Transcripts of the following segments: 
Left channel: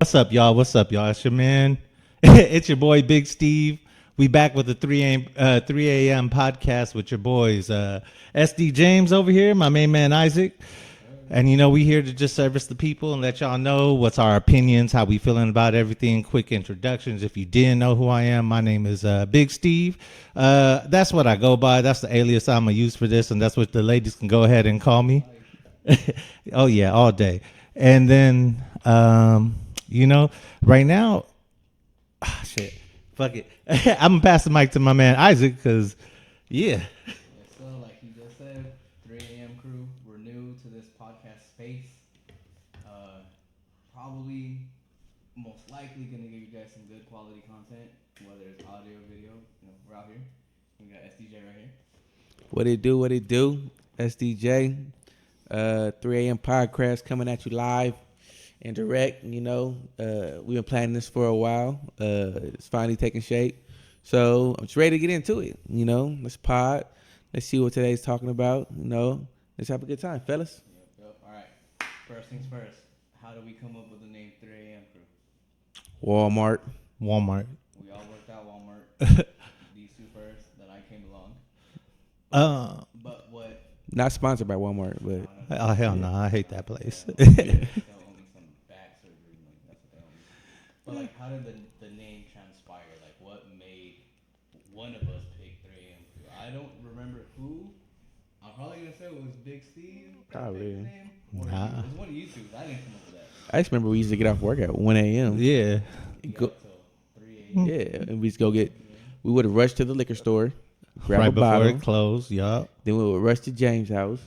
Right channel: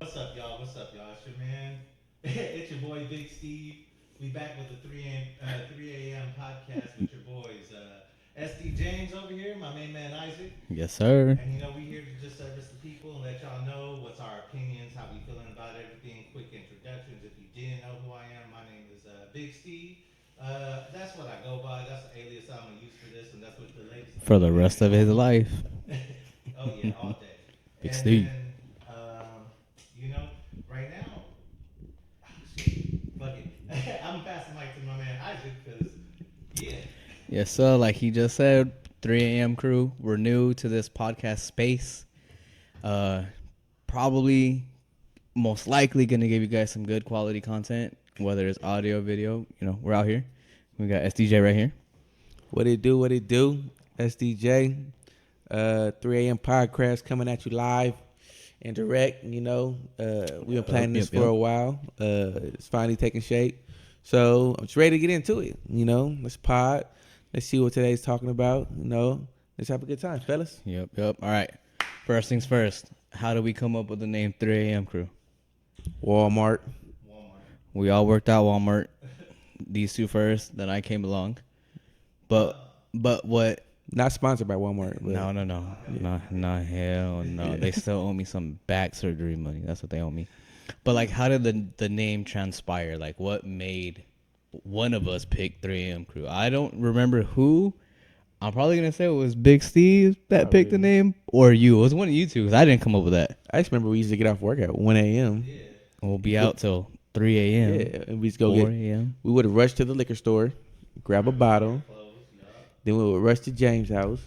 What's up, y'all? What's up, y'all? It's your man. It's your boy, Big Steve. We back with the 3am podcast with your boys, SD James over here, my main man Isaac. Yes, sir. And we here to just service the people and let y'all know what's our opinions, how we feeling about everything. Quick introductions. If you didn't know who I am, my name is Big Steve. That's what I go by. That's the alias I'm gonna use for this, and that's what the ladies can go ahead and call me. Life. Oh yeah, all day. And then right now, shit, fuck it. I'm gonna pass the mic to my man Isaac because, yeah. Yes, sir. Like he just said, 3amCrew. We're new to this podcast space. Probably, most likely, gonna give you guys some good quality content, whether it's audio, video. We're out here. We got SDJ right here. What it do? What it do? SDJ. 3am podcast coming at you live and direct. We've been planning this for a while. It's finally taking shape. So I'm just ready to get into it. Let's pod. Let's see what today's talking about. Let's have a good time, fellas. Yep. All right. First things first. How do we come up with the name 3amCrew? Walmart. We all worked out Walmart. These two first. Then I came along. But what? Not sponsored by Walmart. But No. Oh, hell no. I hate that place. Hell no. They still owe me some back surgery money. That's what they owe me. But, like, how did the name transpire? Like, what made one of us pick 3amCrew? I don't remember who. I'm probably going to say it was Big Steve that picked the name. Or you. It was one of you two because I didn't come up with that. I just remember we used to get off work at 1 a.m. Yeah. We'll be out till 3 a.m. Yeah, and we just go 4 get. a.m. We would have rushed to the liquor store, grab a bottle, close. Yup. then we would rush to James' house.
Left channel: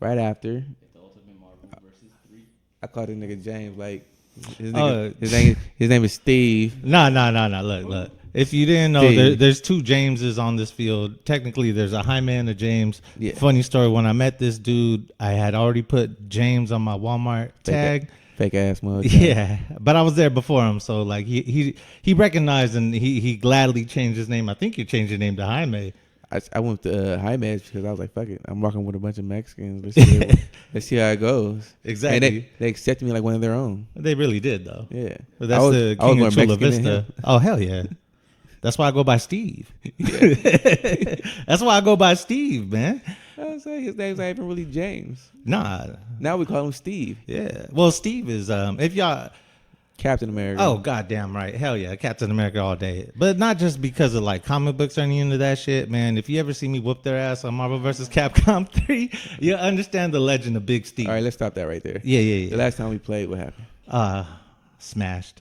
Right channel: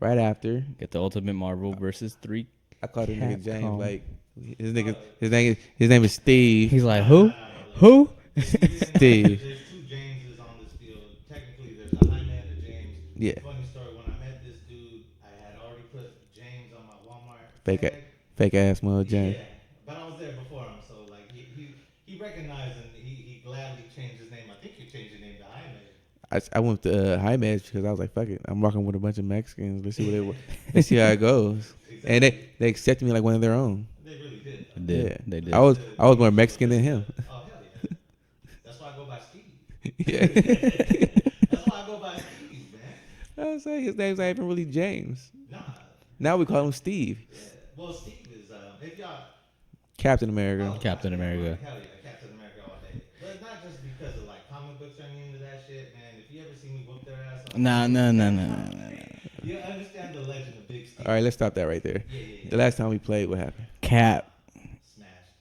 Right after, Get the Ultimate Marvel versus 3. I called him nigga James. Oh. Like his name is Steve. He's like, No. Look, Who? look. If you didn't know, there's two Jameses on this field. Technically, there's a Jaime and a James. Yeah. Funny story. When I met this dude, I had already put James on my Walmart tag. Fake ass mug. Yeah, but I was there before him, so like he recognized and he gladly changed his name. I think you changed your name to Jaime. I went to Jaime's because I was like, fuck it. I'm rocking with a bunch of Mexicans. Let's see how it goes. Exactly. And they accepted me like one of their own. They really did though. Yeah. They But did. I was the more King of Chula Mexican than Vista. him. Oh hell yeah. That's why I go by Steve. Yeah. That's why I go by Steve, man. I was saying his name's not even really James. Nah. Now we call him Steve. Yeah. Well, Steve is if y'all. Captain America. Oh, Captain goddamn America. right. Hell yeah. Captain America all day. But not just because of like comic books or any of that shit, man. If you ever see me whoop their ass on Marvel vs. Capcom 3, you'll understand the legend of Big Steve. All right, let's stop that right there. Yeah. The last time we played, what happened? Cap. Smashed.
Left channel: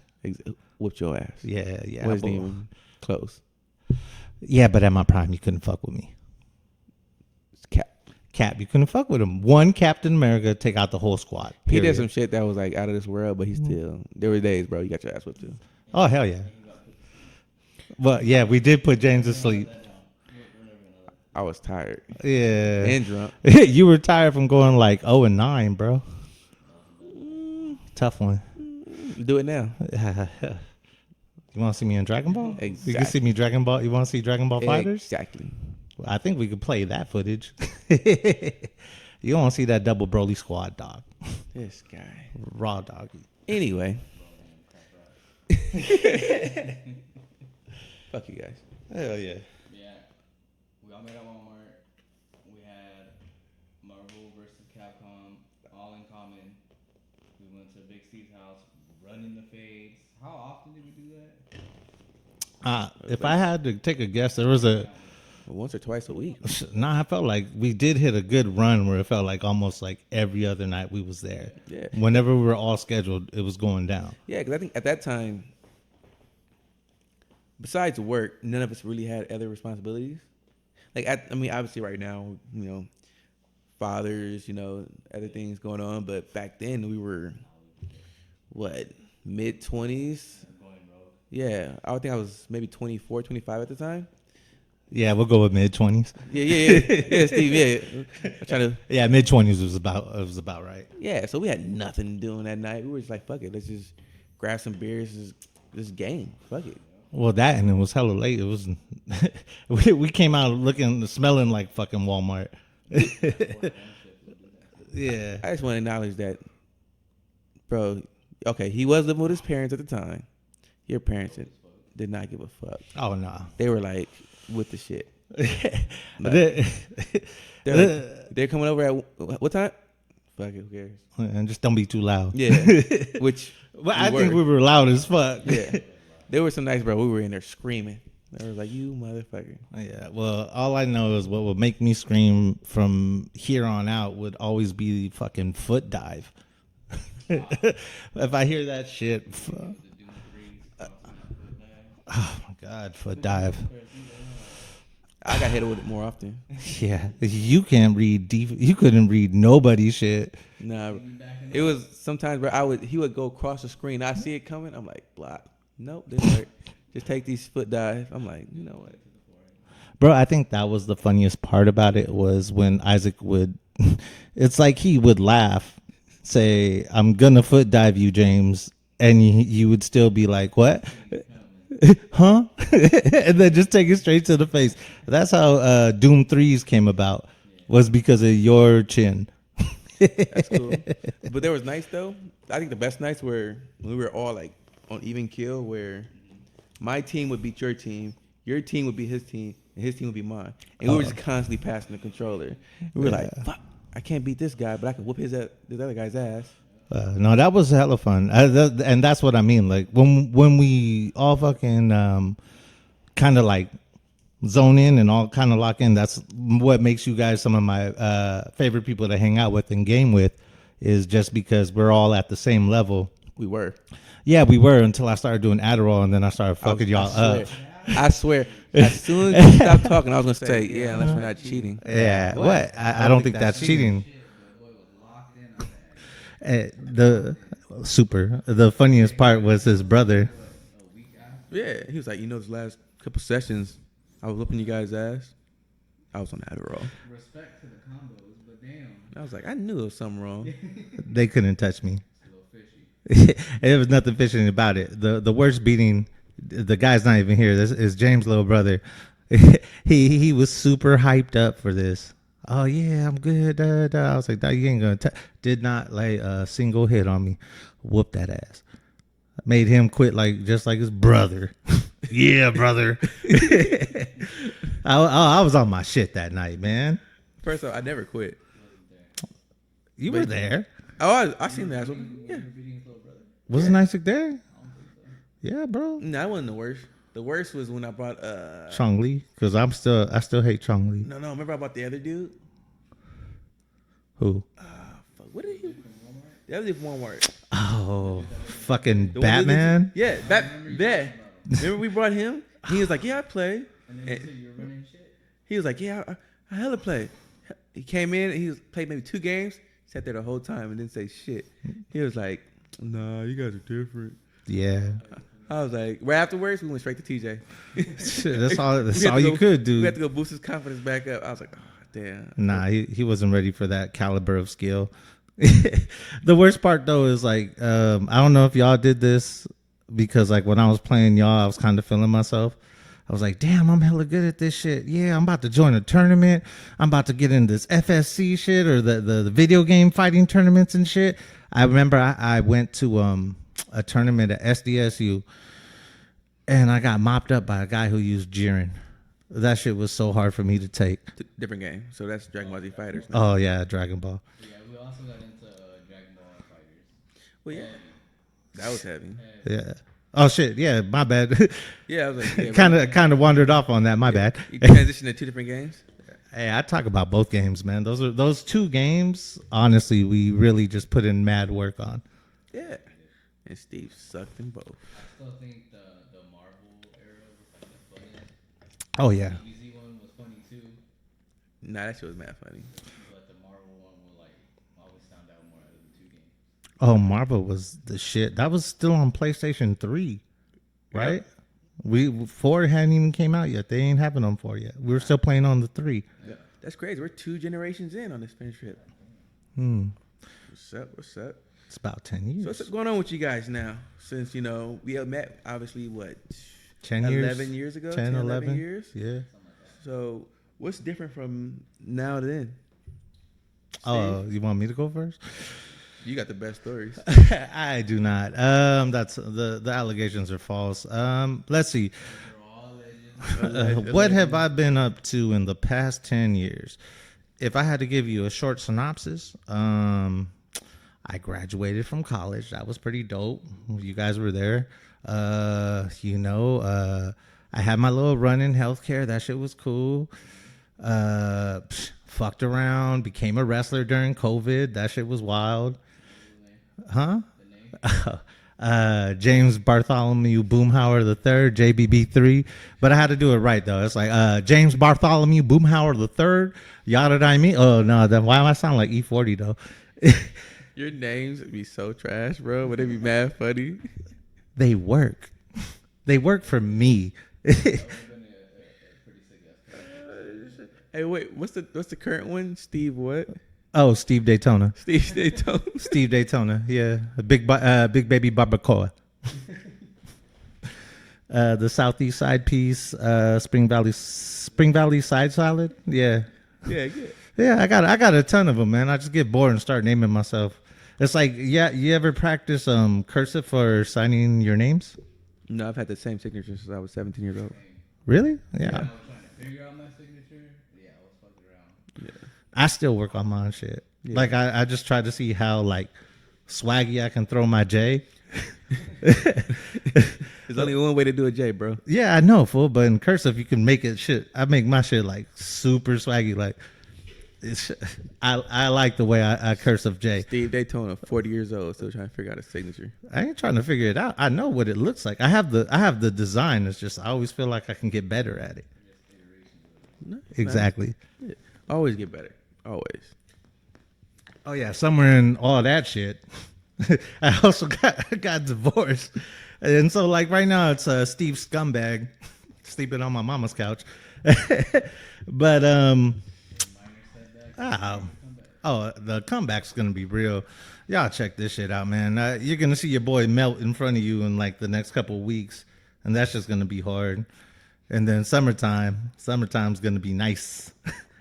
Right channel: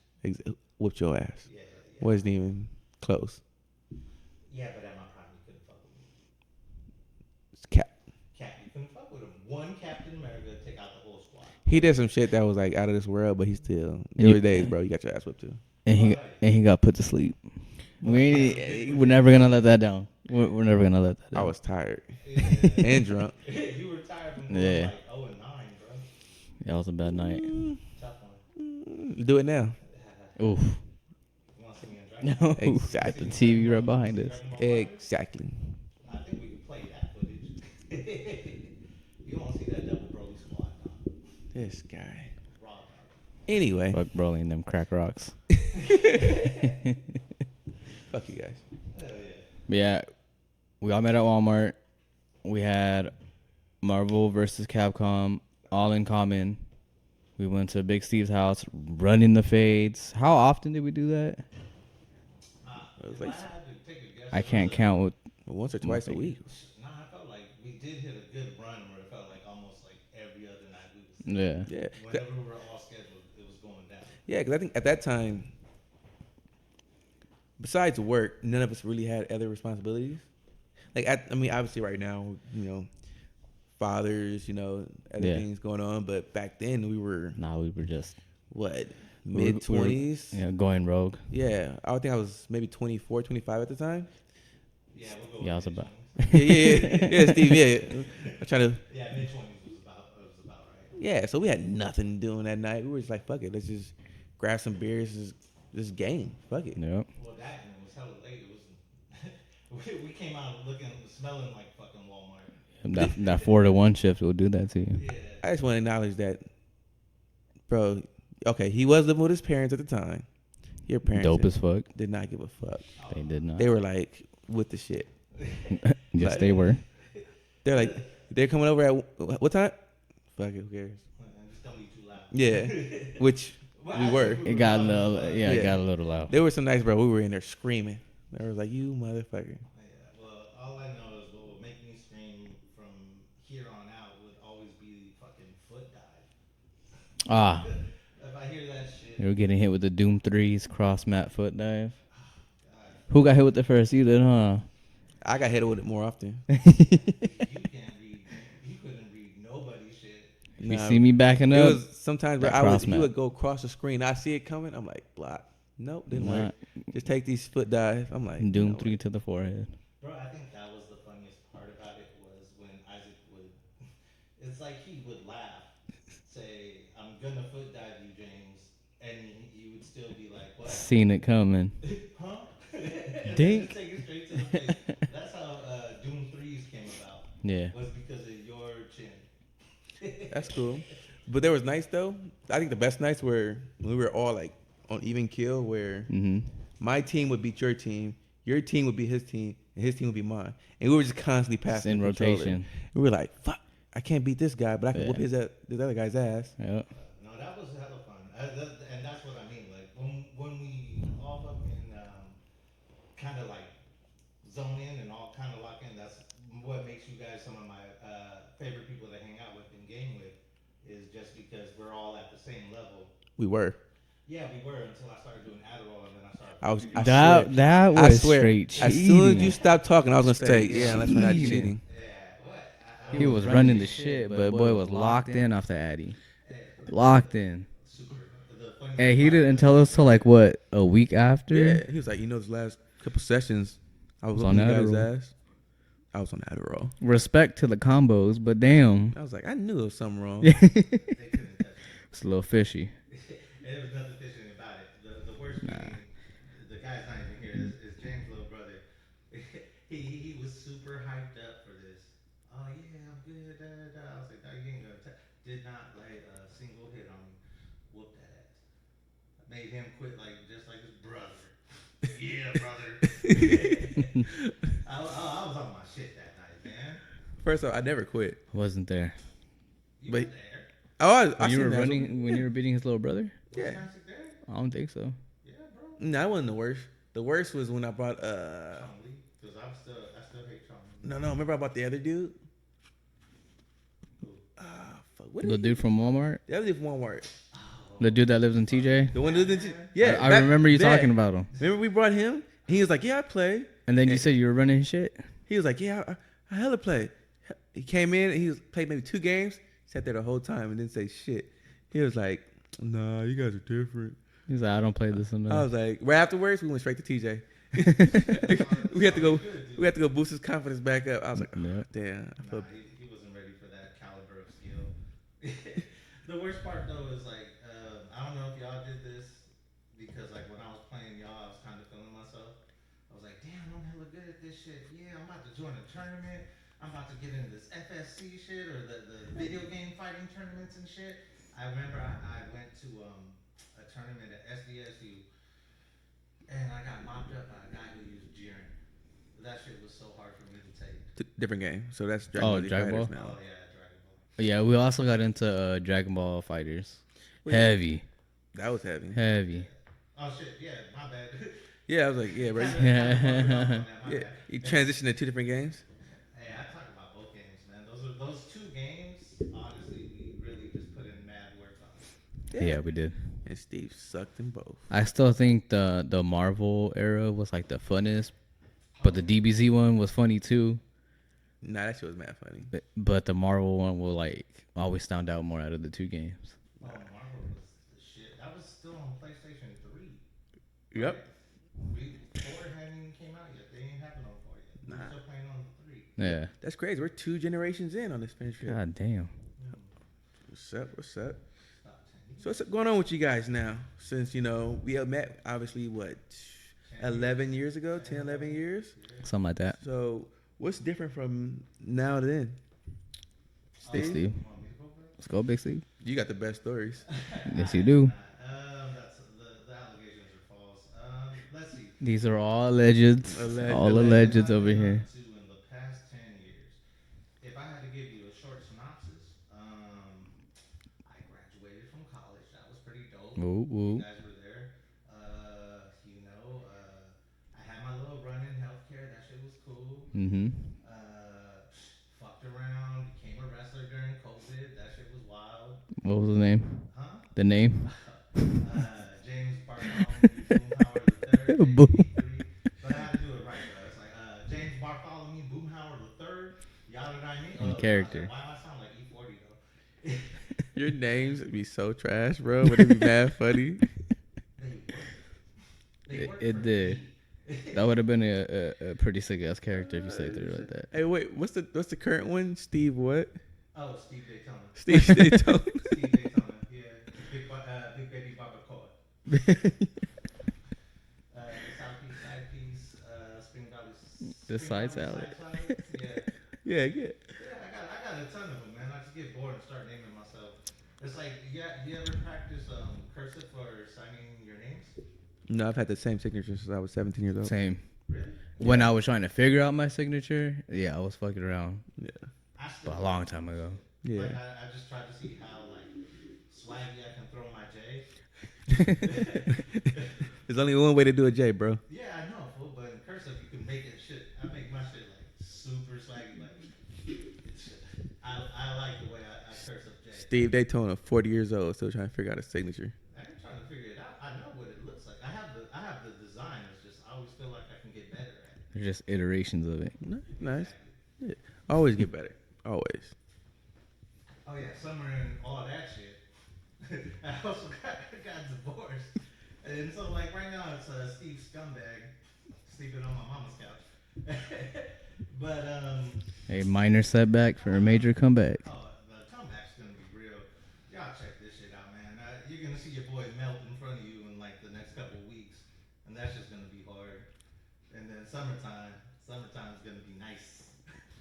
Whooped your ass. Yeah. Wasn't even close. Yeah, but at my prime, you couldn't fuck with me. It's Cap. You couldn't fuck with him. One Captain America, take out the whole squad. He period. did some shit that was like out of this world, but he still. There were days, bro. You got your ass whipped too. And Oh, he- hell yeah. And he got put to sleep. But yeah, we did put We're James never to gonna sleep. let that down. We're never gonna let that I down. was tired Yeah. and drunk. You were tired from going Yeah. like 0-9, bro. That was a bad night. Tough one. Do it now. You want to see me in Dragon Ball? You can see me Exactly. Dragon Ball. You want behind to see us. Dragon Ball Fighters? Exactly. I think we could play that footage. You want to see that double Broly squad, dog. This guy. Raw dog. Anyway, Fuck Broly and them crack rocks. fuck you guys. Hell yeah. But yeah, we all met at Walmart. We had Marvel versus Capcom all in common. We went to Big Steve's house, running the fades. How often did we do that? If I had to take a guess, I there was can't count. Once or twice a week. Nah, I felt like we did hit a good run where it felt like almost like every other night we was there. Yeah. Whenever we were all scheduled, it was going down. Yeah, because I think at that time, besides work, none of us really had other responsibilities. Like, obviously right now, fathers, other things going on. But back then we were, We were just mid-20s? going rogue. Yeah, I would think I was maybe 24, 25 at the time. Yeah, we'll go with mid-20s. Yeah, Steve, yeah. I'm trying to. Yeah, mid-20s was about right. Yeah, so we had nothing doing that night. We were just like, fuck it, let's just grab some beers, this game. Fuck it. Yep. Well, that and it was hella late. It was we came out smelling like fucking Walmart. That 4-to-1 shift will do that to you. Yeah. I just want to acknowledge that, bro, Okay, he was living with his parents at the time. Your parents Dope as fuck. did not give a fuck. Oh They no. did not. They were like with the shit. Yes, they were. They're like, they're coming over at what time? Fuck it, who cares? And just don't be too loud. Yeah, which Well, I think we were It got loud a as little- fuck. Yeah, it got a little loud. they were some nice, bro. We were in there screaming. They were like, "You motherfucker!" Yeah, well, all I know is what would make me scream from here on out would always be the fucking foot dive. Ah, If I hear that shit, you were getting hit with the Doom 3's cross mat foot dive. oh my god, foot Who got hit dive. with it first? You did, huh? I got hit with it more often. Yeah, you can't read. You couldn't read nobody's shit. You Nah, see me backing up? it was sometimes, bro. Cross He mat. would go across the screen. I see it coming. I'm like, block. Nope, didn't work. Just take these foot dive. I'm like, Doom you know 3 what? to the forehead. Bro, I think that was the funniest part about it was when Isaac would. It's like he would laugh, say, "I'm gonna foot dive you, James," and you would still be like, "What? Seen it coming. Huh?" And then just take it straight to the face. That's how Doom 3s came about. Yeah. Was because of your chin. That's cool. But there was nights though. I think the best nights were when we were all like on even kill, where Mm-hmm. my team would beat your team would be his team, and his team would be mine, and we were just constantly passing in the controller. rotation. We were like, "Fuck, I can't beat this guy, but I can whoop this other guy's ass." Yep. No, that was hella fun, and that's what I mean. Like when we all fucking kind of like zone in and all kind of lock in. That's what makes you guys some of my favorite people to hang out with and game with, is just because we're all at the same level. We were. Yeah, we were until I started doing Adderall, and then I started fucking y'all. That was I swear, straight as cheating. soon as you stopped talking, I was gonna say, "Yeah, unless we're not cheating." Yeah, what? I don't He think was that's running cheating. Shit, but boy was locked in off the Addy. The- Locked in. Super. The funniest Hey, he part didn't was tell his us till, brother. like what, a week after? Yeah, he was like, "This last couple sessions, I was whooping you on guys' Adderall. ass. I was on Adderall." Respect to the combos, but damn, I was like, "I knew there was something wrong." They couldn't touch me. it's a little fishy. There was nothing fishing about it. The worst beating, the guy's not even here. This is James' little brother. he was super hyped up for this. Oh yeah, I'm good. I was like, you ain't gonna. Did not lay a single hit on me. Whoop that ass. Made him quit just like his brother. Yeah, brother. I was on my shit that night, man. First off, I never quit. Wasn't there? You were there. Oh, I When you seen were that. running, when you were beating his little brother? Wasn't Isaac there? I don't think so. Yeah, bro. No, that wasn't the worst. The worst was when I brought Chong Li, because I still hate Chong Li. No, remember I brought the other dude? Who? Fuck, what The did dude from Walmart? The other dude from Walmart. Oh, The dude that lives in fucking TJ? The one that lives in- Batman. Yeah, I that- remember you that. talking about him. Remember we brought him? He was like, "Yeah, I play." And then you said you were running shit? He was like, "Yeah, I hella play." He came in and played maybe 2 games, sat there the whole time and didn't say shit. He was like, "Nah, you guys are different." Yeah, I don't play this enough. I was like, right afterwards, we went straight to TJ. Shit, that's all. That's We had all to go- you could do. We had to go boost his confidence back up. I was like, "Oh, damn." Nah, he wasn't ready for that caliber of skill. The worst part though is I don't know if y'all did this, because like when I was playing y'all, I was kind of feeling myself. I was like, damn, I'm hella good at this shit. Yeah, I'm about to join a tournament. I'm about to get in this FSC shit, or the video game fighting tournaments and shit. I remember I went to a tournament at SDSU, and I got mopped up by a guy who used Jiren. That shit was so hard for me to take. Different game. So that's Dragon Oh, Ball Z Dragon Fighters. Ball? now. Oh yeah, Dragon Ball. Yeah, we also got into Dragon Ball Fighters. Well, yeah. Heavy. That was heavy. Heavy. Yeah. Oh shit. Yeah, my bad. Yeah, I was like, yeah, kind of wandered off on that. My bad. You transitioned to 2 different games. Hey, I talk about both games, man. Those 2 games. Honestly, we really just put in mad work on. Yeah, we did. And Steve sucked in both. I still think the Marvel era was like the funnest. Oh The yeah. DBZ one was funny too. Nah, that shit was mad funny. But the Marvel one will like always stand out more out of the 2 games. Oh, Marvel was the shit. That was still on PlayStation 3, right? Yep. 4 hadn't even came out yet. They ain't having them 4 yet. We were still playing on the 3. Yeah. That's crazy. We're 2 generations in on this friendship. God damn. What's up? What's up? It's about 10 years. So what's going on with you guys now? Since, we have met, obviously, what, 10 11 years ago? 10, 11 years? Yeah. Something like that. So what's different from now to then? Oh, you want me to go first? Go Big Steve. You got the best stories. I you do do. not. That's the allegations are false. Let's see. These are all legends. What have I been up to in the past 10 years? If I had to give you a short synopsis, I graduated from college. That was pretty dope. You guys were there. I had my little run in healthcare. That shit was cool. Fucked around, became a wrestler during COVID. That shit was wild. What was the name? Huh? The name? James Bartholomew Boomhauer III, JBB3. But I had to do it right, though. It's like James Bartholomew Boomhauer III, yada I mean. Oh, no, then why am I sound like E40, though? Your names would be so trash, bro. Would it be mad funny? They work. They work for me. That would have been a pretty sick ass character if you said it like that. Hey, wait, what's the current one? Steve what? Oh, Steve Daytona. Steve Daytona. Steve Daytona. Yeah, a big baby barbacoa. The Southeast side piece, Spring Valley side salad. Yeah, Yeah, good. yeah. I got a ton of them, man. I just get bored and start naming myself. It's like, yeah. You ever practice cursive for signing your names? No, I've had the same signature since I was 17 years old. Same. Really? Yeah. When I was trying to figure out my signature, yeah, I was fucking around. Yeah. I still work Long on time my ago. shit. Yeah. Like I just tried to see how like swaggy I can throw my J. There's only one way to do a J, bro. Yeah, I know, fool. But in cursive, you can make it shit. I make my shit like super swaggy. Like, I like the way I cursive J. Steve Daytona, 40 years old, still trying to figure out a signature. I ain't trying to figure it out. I know what it looks like. I have the design. It's just I always feel like I can get better at it. They're just iterations of it. No, Exactly. Yeah. Always get better. Always. Oh yeah, somewhere in all that shit, I also got divorced, and so like right now it's Steve Scumbag sleeping on my mama's couch, but A minor setback for a major comeback. oh, the comeback's gonna be real. Y'all check this shit out, man. You're gonna see your boy melt in front of you in like the next couple of weeks, and that's just gonna be hard. And then summertime's gonna be nice.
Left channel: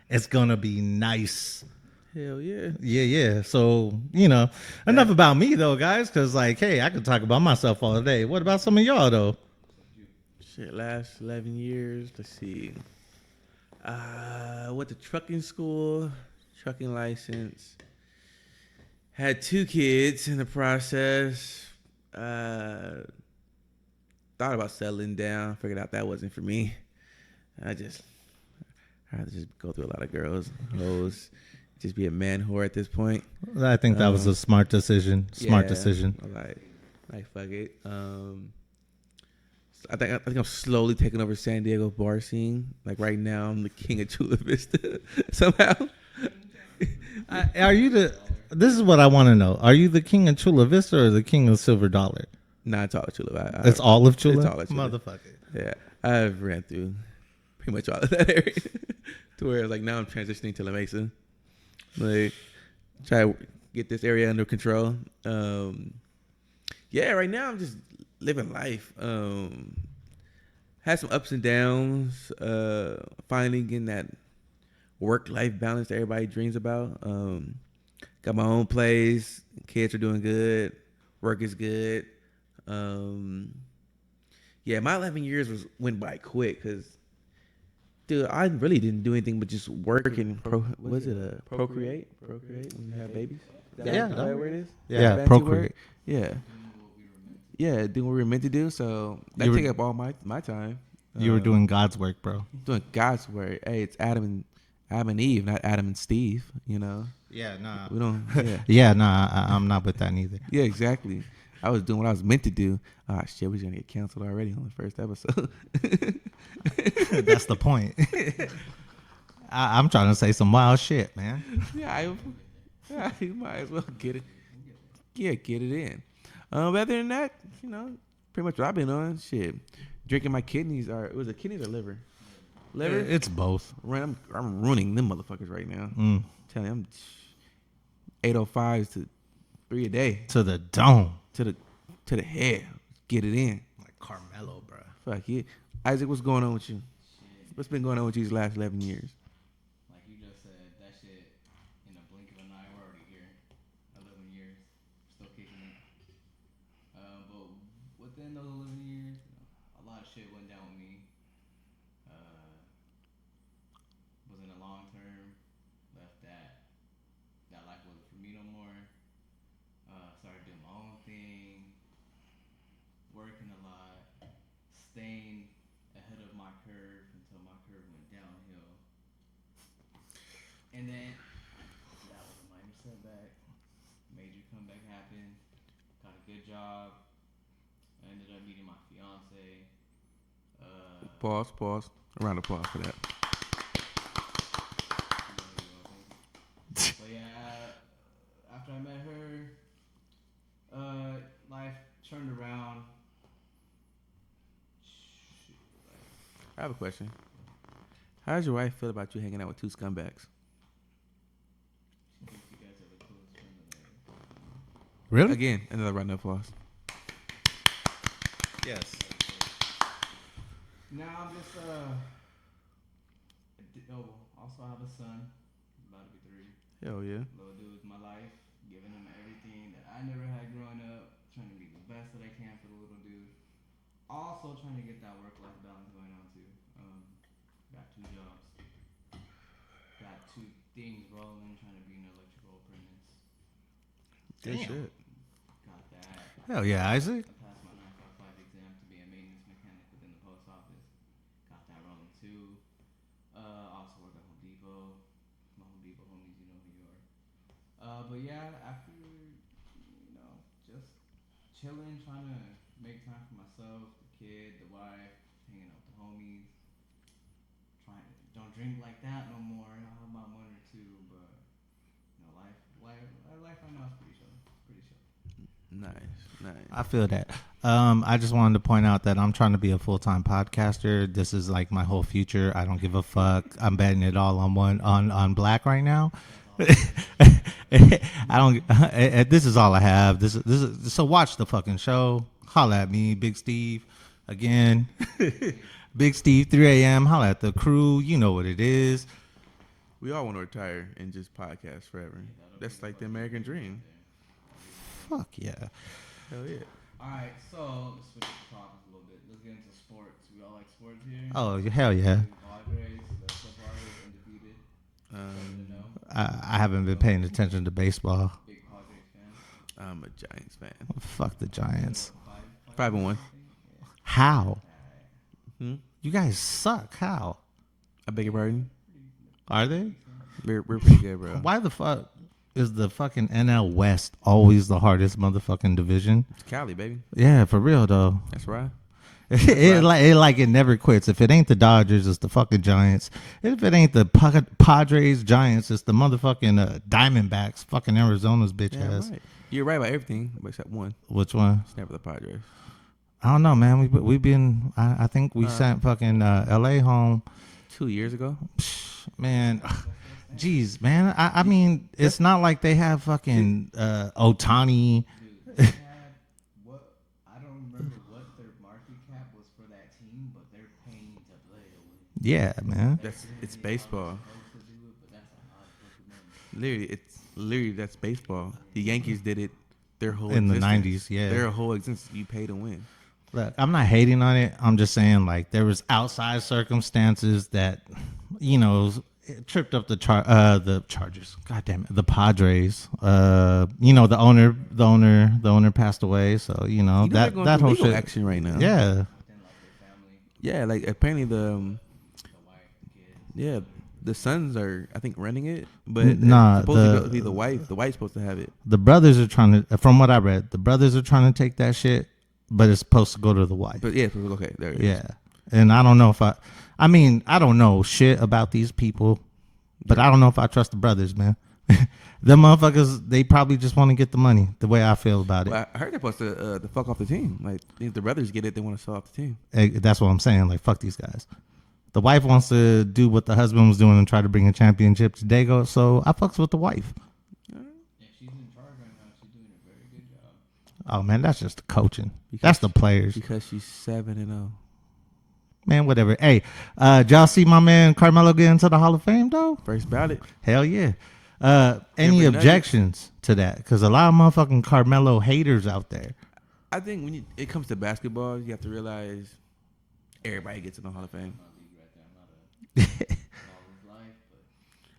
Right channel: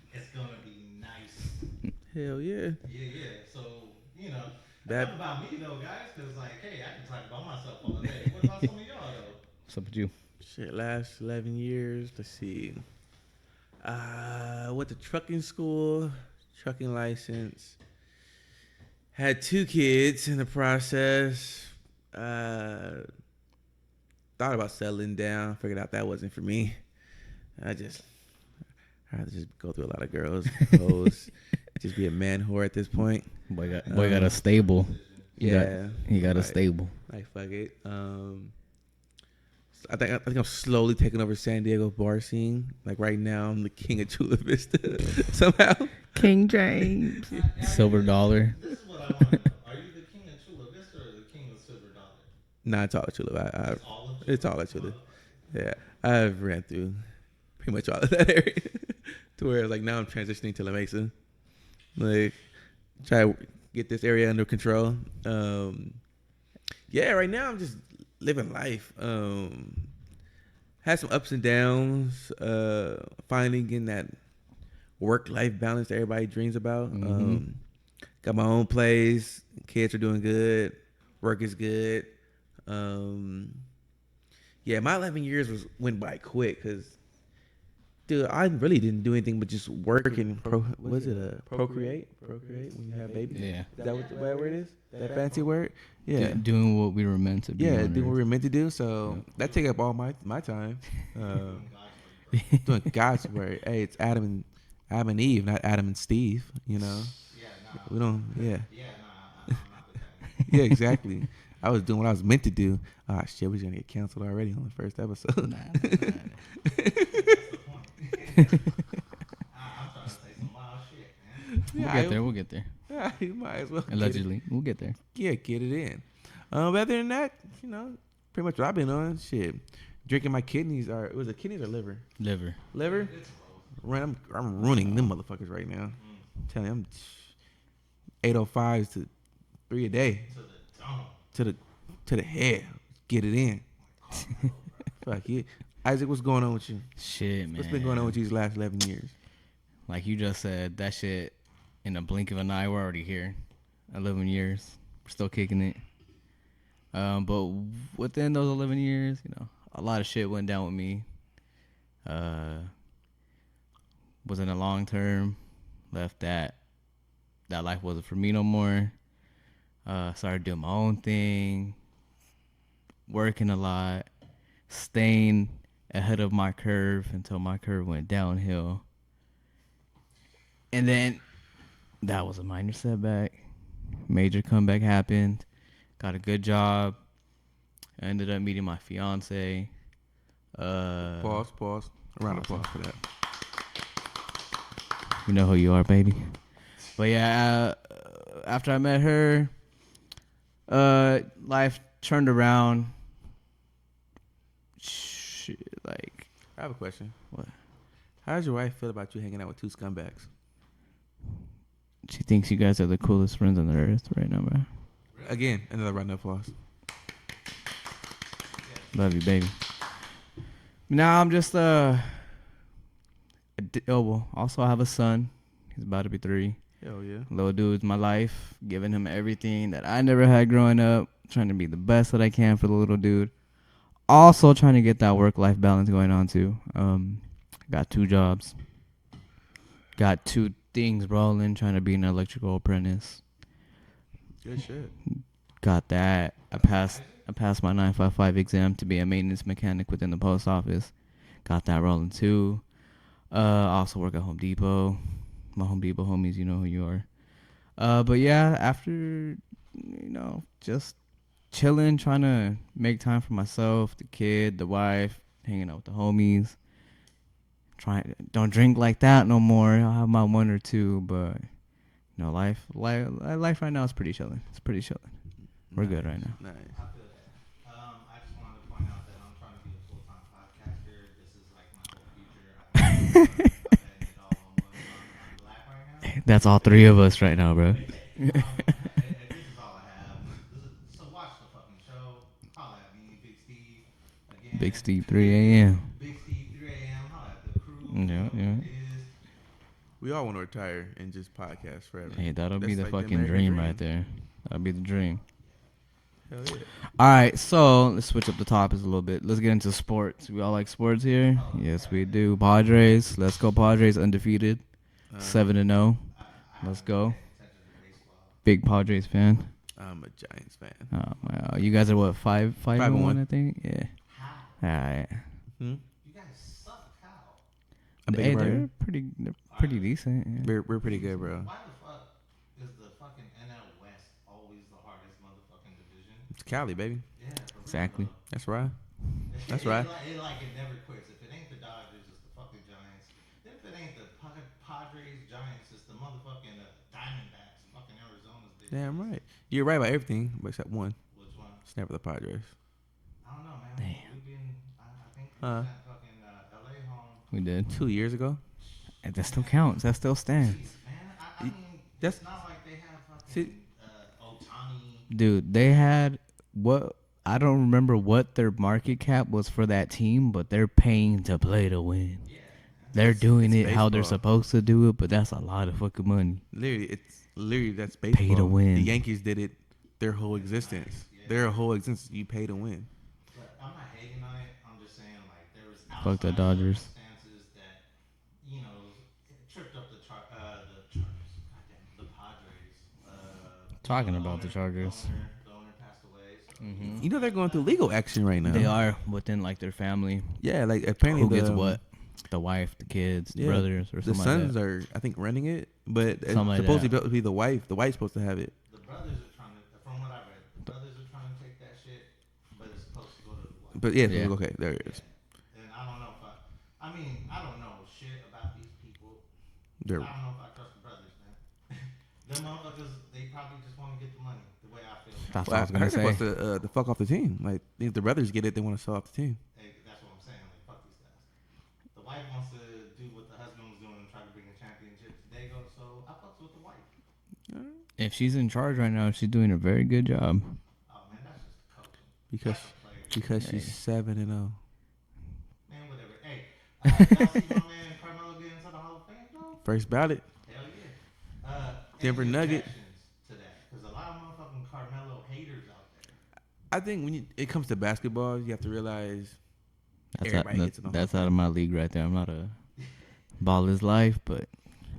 It's gonna be nice. Hell yeah. Yeah. So, enough about me though, guys, because like, hey, I could talk about myself all day. What about some of y'all though? What's up with you? Shit, last 11 years. Let's see. Went to trucking school, trucking license. Had 2 kids in the process. Thought about settling down. Figured out that wasn't for me. I'd rather just go through a lot of girls, hoes, just be a man whore at this point. I think that I was got a a smart stable. decision. Yeah. Smart decision. He got a Right. stable. Like fuck it. I think I'm slowly taking over San Diego bar scene. Like right now, I'm the king of Chula Vista somehow. King James. Are you Silver the, dollar. This is what I want to know. Are you the king of Chula Vista or the king of Silver Dollar? Nah, it's all of Chula. It's all of Chula? It's all of Chula. Motherfucker. Yeah, I've ran through pretty much all of that area to where like now I'm transitioning to La Mesa. Like try to get this area under control. Yeah, right now I'm just living life. Had some ups and downs. Finally getting that work-life balance that everybody dreams about. Got my own place. Kids are doing good. Work is good. Yeah, my 11 years went by quick because, dude, I really didn't do anything but just work and procreate? Procreate when you have babies. Yeah. Is that what the right word is? Yeah, Fancy procreate. word. Yeah. Doing what we were meant to be. Yeah, on doing what we Earth. were meant to do. So that You were- take up all my time. You were doing God's work, bro. doing God's work. Hey, it's Adam and Eve, not Adam and Steve. You know, Yeah, we don't. Yeah, Yeah, nah, I'm not with that neither. yeah, exactly. I was doing what I was meant to do. Ah, shit, we're gonna get canceled already on the first episode. That's the point. I'm trying to say some wild shit, man. We'll get there. Yeah, you might as well. Allegedly. We'll get there. Get it in. But other than that, pretty much what I've been on. Shit, drinking my kidneys. Was it kidneys or liver? Liver. Liver. It's both. I'm ruining them motherfuckers right now. Telling you, I'm 805s to 3 a day To the dome. to the head. Get it in. Like Carmelo, bro. Fuck yeah. Isaac, what's going on with you? Shit, man. What's been going on with you these last 11 years? Like you just said, that shit in a blink of an eye, we're already here. 11 years, we're still kicking it. But within those 11 years, you know, a lot of shit went down with me. Was in a long term, left that life wasn't for me no more. Started doing my own thing, working a lot, staying ahead of my curve until my curve went downhill. And then that was a minor setback. Major comeback happened. Got a good job. I ended up meeting my fiance. Pause. A round of applause for that. You know who you are, baby. But yeah, after I met her, life turned around. Shit, like, I have a question. what? How does your wife feel about you hanging out with two scumbags? She thinks you guys are the coolest friends on the earth right now, bro. Really? Again, another round of applause. Yes. Love you, baby. Now I'm just also I have a son. He's about to be 3. Hell yeah. Little dude's my life, giving him everything that I never had growing up, trying to be the best that I can for the little dude. Also trying to get that work-life balance going on too. Got 2 jobs. Got 2 things rolling, trying to be an electrical apprentice. Good shit. Got that. Hell yeah, Isaac. I passed my 955 exam to be a maintenance mechanic within the post office. Got that rolling too. Also work at Home Depot. My Home Depot homies, you know who you are. But yeah, after, you know, just chilling, trying to make time for myself, the kid, the wife, hanging out with the homies. Don't drink like that no more. I'll have my 1 or 2, but you know, life right now is pretty chilling. It's pretty chilling. We're good right now. Nice. I feel that. I just wanted to point out that I'm trying to be a full-time podcaster. This is like my whole future. I don't give a fuck. I'm betting it all on black right now. That's all 3 of us right now, bro. I don't. This is all I have. This is. So watch the fucking show. Holla at me, Big Steve. Again, Big Steve, 3 a.m. Big Steve, 3 a.m. Holla at the crew. You know what it is. We all want to retire and just podcast forever. Hey, that'll That's be the like the fucking American dream dream. right there. That'll be the dream. Fuck yeah. Hell yeah. All right, so let's switch up the topics a little bit. Let's get into sports. We all like sports here. Oh, yes, hell we yeah. do. Padres. Let's go Padres, undefeated. 7-0. I haven't been go. paying attention to baseball. Big Padres fan. I'm a Giants fan. Oh, Fuck the you guys are Giants. what, 5-1, 5-1. I think? Yeah. How? All right. You guys suck. How? I beg your pardon? They're Are pretty they? decent. We're pretty good, bro. Why the fuck is the fucking NL West always the hardest motherfucking division? It's Cali, baby. Yeah, for real Exactly. though. That's right. It never quits. If it ain't the Dodgers, it's the fucking Giants. If it ain't the Padres, Giants, it's the motherfucking Diamondbacks. Fucking Arizona's bitch Yeah, ass. right. You're right about everything, but except one. Which one? It's never the Padres. I don't know, man. We've been. I think we sent fucking L.A. home. We did. 2 years ago. That still Man. counts. That still stands. Jeez, man. I mean, it's not like they have fucking Otani. Dude, they had what? I don't remember what their market cap was for that team, but they're paying to play to win. Yeah, man. They're doing it's it how they're baseball. supposed to do it, but that's a lot of fucking money. Literally, that's baseball. to win. The Yankees did it their whole In the existence. 90s, yeah. Their whole existence, you pay to win. Look, I'm not hating on it. I'm just saying, like, there was outside Dodgers. circumstances that, you know, it tripped up the Chargers. God damn it, the Padres. You know, the owner passed away. So you know, They're going through whole legal shit- action right now. Yeah. Within like their family. Yeah, like apparently Who gets the what? The wife, the kids, the yeah, brothers, or the something sons like are I think renting it, but Nah, it's supposed to be the wife. The wife's supposed to have it. The brothers are trying to, from what I read, the brothers are trying to take that shit, but it's supposed to go to the wife. But yeah, Yeah. okay, there it is. Yeah, and I don't know if I mean, I don't know shit about these people, but I don't know if I trust the brothers, man. Them motherfuckers, they probably just want to get the money. The way I feel about it. Well, I heard they're supposed to fuck off the team. Like if the brothers get it, they want to sell off the team. That's what I'm saying. Like, fuck these guys. The wife wants to do what the husband was doing and try to bring a championship to Dago. So I fucks with the wife. If she's in charge right now, she's doing a very good job. Oh man, that's just the coaching. Because That's the players. Because she's 7-0. Man, whatever. Hey, y'all see my man Carmelo get into the Hall of Fame though? First ballot. Hell yeah. Any Denver objections to that? Because a lot of motherfucking Carmelo haters out there. I think when it comes to basketball, you have to realize everybody gets in the Hall of That's out of Fame. my league right there. I'm not a baller's life, but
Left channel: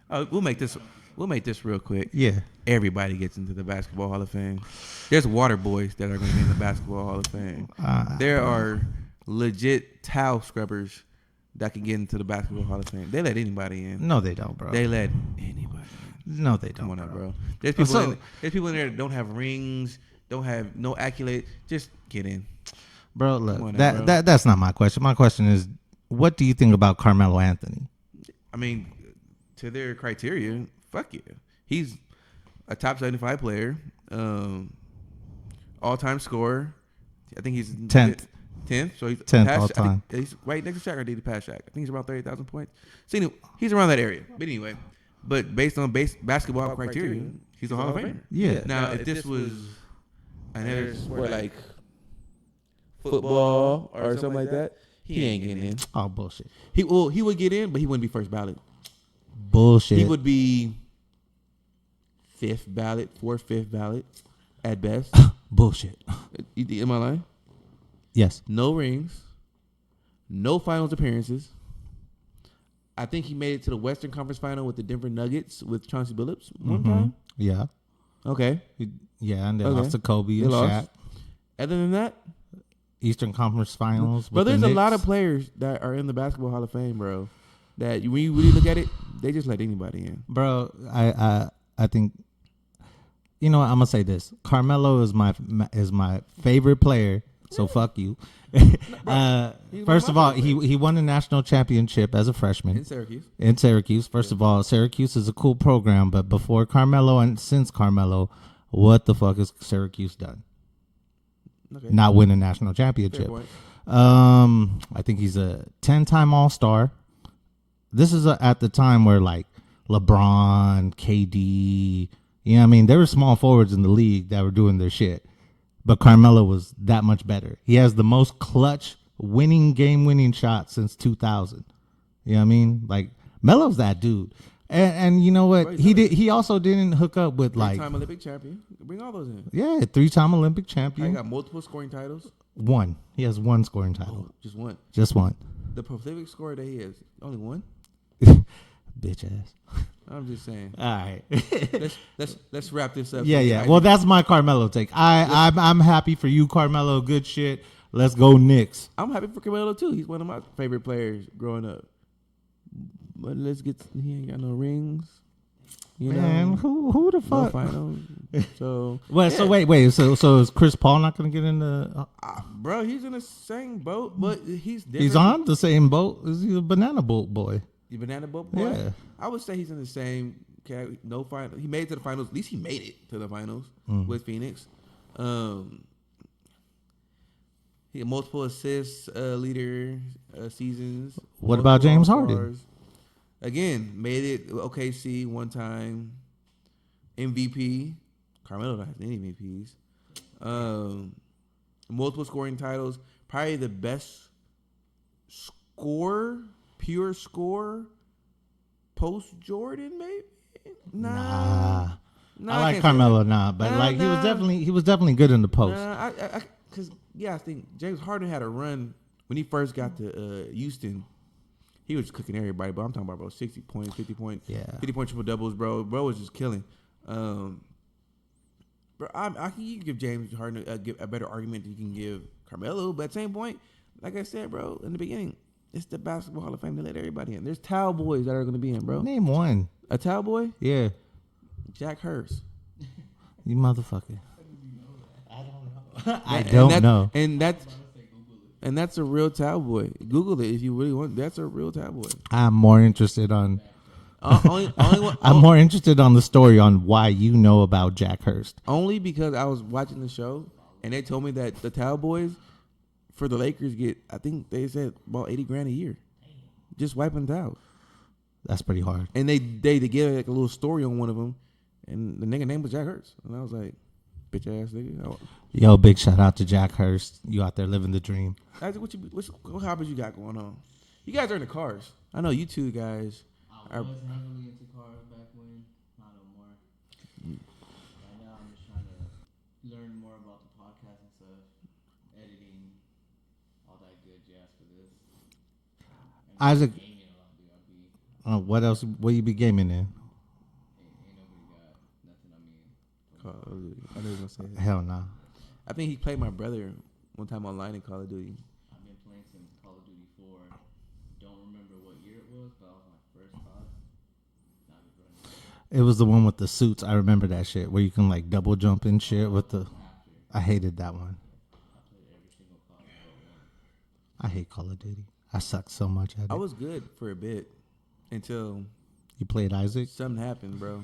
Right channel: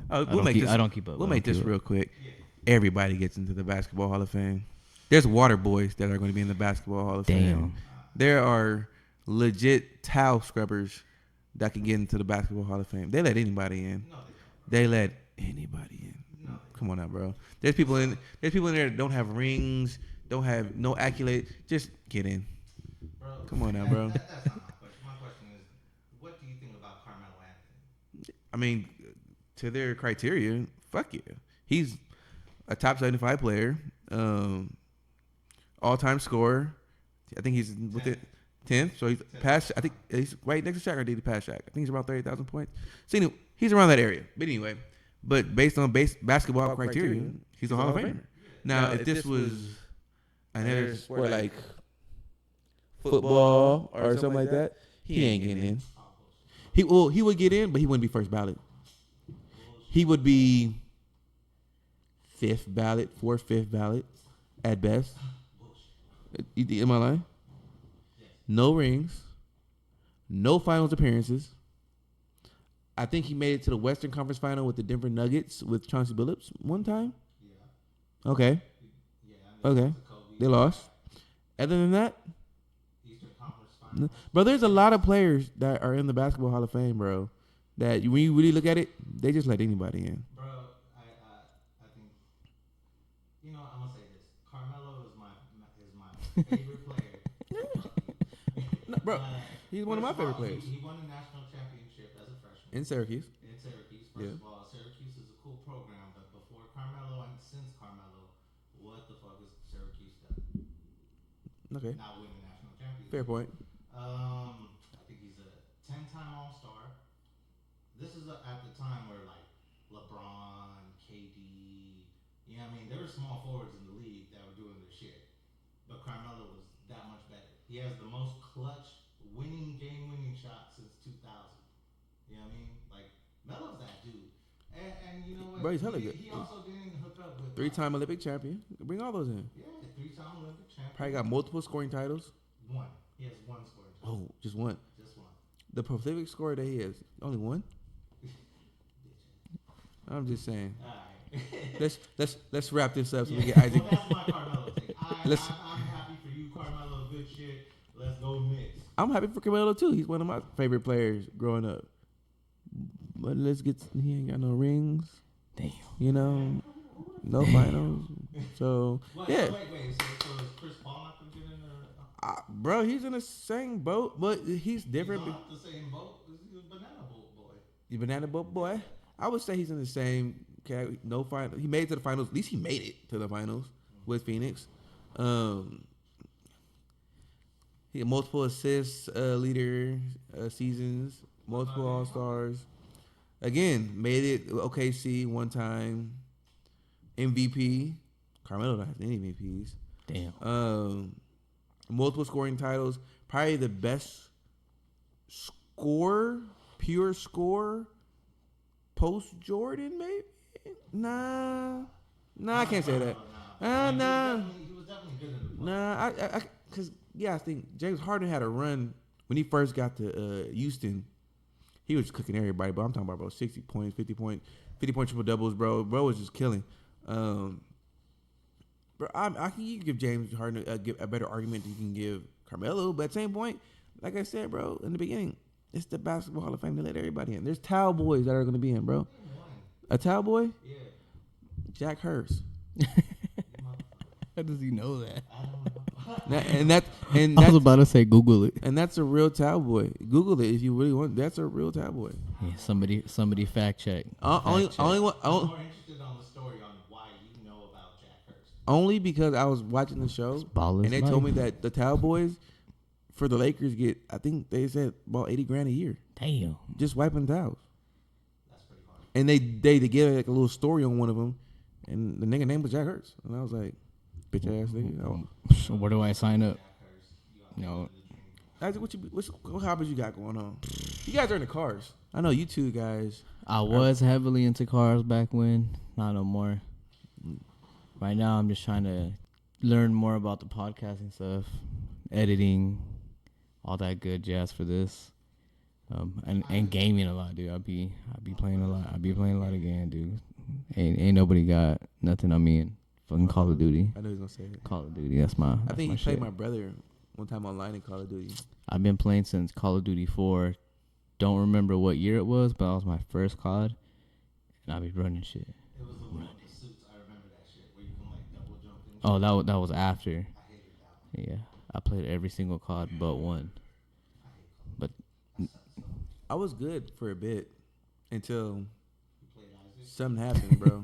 Oh, I we'll make this. don't keep up. We'll make this real quick. Yeah. Everybody gets into the Basketball Hall of Fame. There's water boys that are going to be in the Basketball Hall of Fame. There are legit towel scrubbers that can get into the Basketball Hall of Fame. They let anybody in. No, they don't, bro. They let anybody in. No, they don't. Come on out, bro. There's people in there that don't have rings, don't have no accolade. Just get in. Bro, look, Come on now, bro. that's not my question. My question is, what do you think about Carmelo Anthony? I mean, to their criteria, fuck yeah. He's a top 75 player, all-time scorer. I think he's 10th. 10th, so he's 10th past, I all-time. think he's right next to Shaq, or did he pass Shaq? I think he's around 30,000 points. So anyway, he's around that area. But anyway, based on basketball criteria, he's a Hall of Famer. Yeah. Now, if this was another sport like football or something like that, he ain't getting in. Oh, bullshit. He would get in, but he wouldn't be first ballot. Bullshit. He would be fourth, fifth ballot at best. Bullshit. Am I lying? Yes. No rings, no finals appearances. I think he made it to the Western Conference Final with the Denver Nuggets with Chauncey Billups one time. Yeah. Okay. Yeah, and they Okay. lost to Kobe They and lost. Shaq. Other than that, Eastern Conference Finals. bro, with the there's a lot Knicks. of players that are in the Basketball Hall of Fame, bro, that when you really look at it, they just let anybody in. Bro, I think, you know what, I'm gonna say this. Carmelo is my favorite player. So fuck you. He's one First of of my all, favorite he won the national championship as a freshman In Syracuse. in Syracuse. First of all, Syracuse is a cool program, but before Carmelo and since Carmelo, what the fuck has Syracuse done? Okay. Not win a national Fair championship. point. I think he's a 10-time All-Star. This is at the time where like LeBron, KD, you know what I mean? There were small forwards in the league that were doing their shit. But Carmelo was that much better. He has the most clutch game-winning shot since 2000. You know what I mean? Like, Melo's that dude. And you know what? Bro, he's He also didn't hook up with like, Three-time Olympic champion. Bring all those in. yeah, 3-time Olympic I champion. got multiple scoring titles. One. He has one scoring title. Oh, just one. Just one. The prolific scorer that he has, only one. Bitch ass. I'm just saying. All right. Let's wrap this up. Yeah, So, yeah. Well, that's my Carmelo take. I'm happy for you, Carmelo. Good shit. Let's go Knicks. I'm happy for Carmelo too. He's one of my favorite players growing up. But he ain't got no rings. Damn. You know, Man, who the no fuck? finals. So, Well, yeah. so wait. So is Chris Paul not gonna get in the? Bro, he's in the same boat, but he's different. He's on the same boat. He's a banana boat boy. The banana boat boy. Yeah. I would say he's in the same category. No final. He made it to the finals. At least he made it to the finals with Phoenix. He had multiple assists, leader seasons. What about multiple James All-Stars. Harden? Again, made it OKC one time. MVP. Carmelo don't have any MVPs. Damn. Multiple scoring titles. Probably the best pure score, post Jordan, maybe. Nah, I like can't say Carmelo that. now, but Nah, like nah. he was definitely good in the post. Nah, because I think James Harden had a run when he first got to Houston. He was cooking everybody, but I'm talking about 60 points, 50 points, Yeah. 50 point triple doubles, bro. Bro was just killing. Bro, I can you give James Harden a better argument than you can give Carmelo, but at the same point, like I said, bro, in the beginning, it's the Basketball Hall of Fame. They let everybody in. There's towel boys that are going to be in, bro. Name one. A towel boy, Yeah, Jack Hurst. you motherfucker. How does he know that? I And don't know. And I was that's, about to say Google it. and that's a real towel boy. Google it if you really want. That's a real towel boy. I'm more Somebody interested on. fact check. Only one. I'm more interested on the story on why you know about Jack Hurst. Only because I was watching the show Ballers and they life. told me that the towel boys for the Lakers get, I think they said about $80,000 a year Damn. just wiping towels. That's pretty hard. And they gave like a little story on one of them, and the nigga name was Jack Hurst, and I was like, bitch ass nigga. Yo, Where big do I shout out sign to up? Oh. Oh. Jack Hurst. You out there living the dream. What hobbies you got going on? You guys are into cars. I know you two guys. I was heavily into cars back when. not no more. Right now, I'm just trying to learn more about the podcasting stuff, editing, all that good jazz for this. And gaming a lot, dude. I'll be what else? What you be gaming in, dude? Ain't nobody got nothing on me in fucking Call of Duty. I know you was gonna say Hell Call of no. Duty. That's my. I think he my played shit. my brother one time online in Call of Duty. I've been playing since Call of Duty 4. Don't remember what year it was, but that was my first COD. And I be running shit. It was the one with the suits. I remember that shit where you can like double jump and shit. Oh, that was after. I hated that one. Yeah, I played every single COD but one. I hate Call of Duty. I suck so much at it. I was good for a bit until You played Isaac? something happened, bro.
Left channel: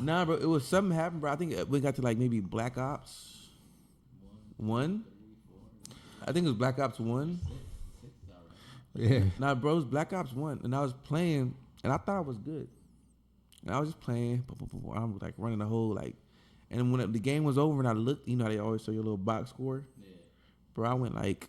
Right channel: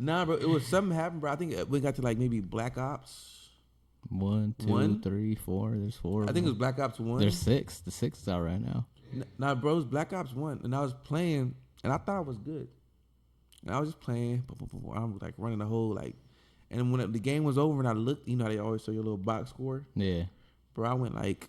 Nah, bro, it was something happened, bro. I think we got to like maybe Black Ops. 1, 2, One? 3, 4. There's 4. I think it was Black Ops 1. There's 6. The 6 is out right now. Yeah. Nah, bro, it was Black Ops 1. And I was playing, and I thought I was good. And I was just playing. I'm like running the whole, like, and when the game was over and I looked, you know how they always show your little box score? Yeah. Bro, I went like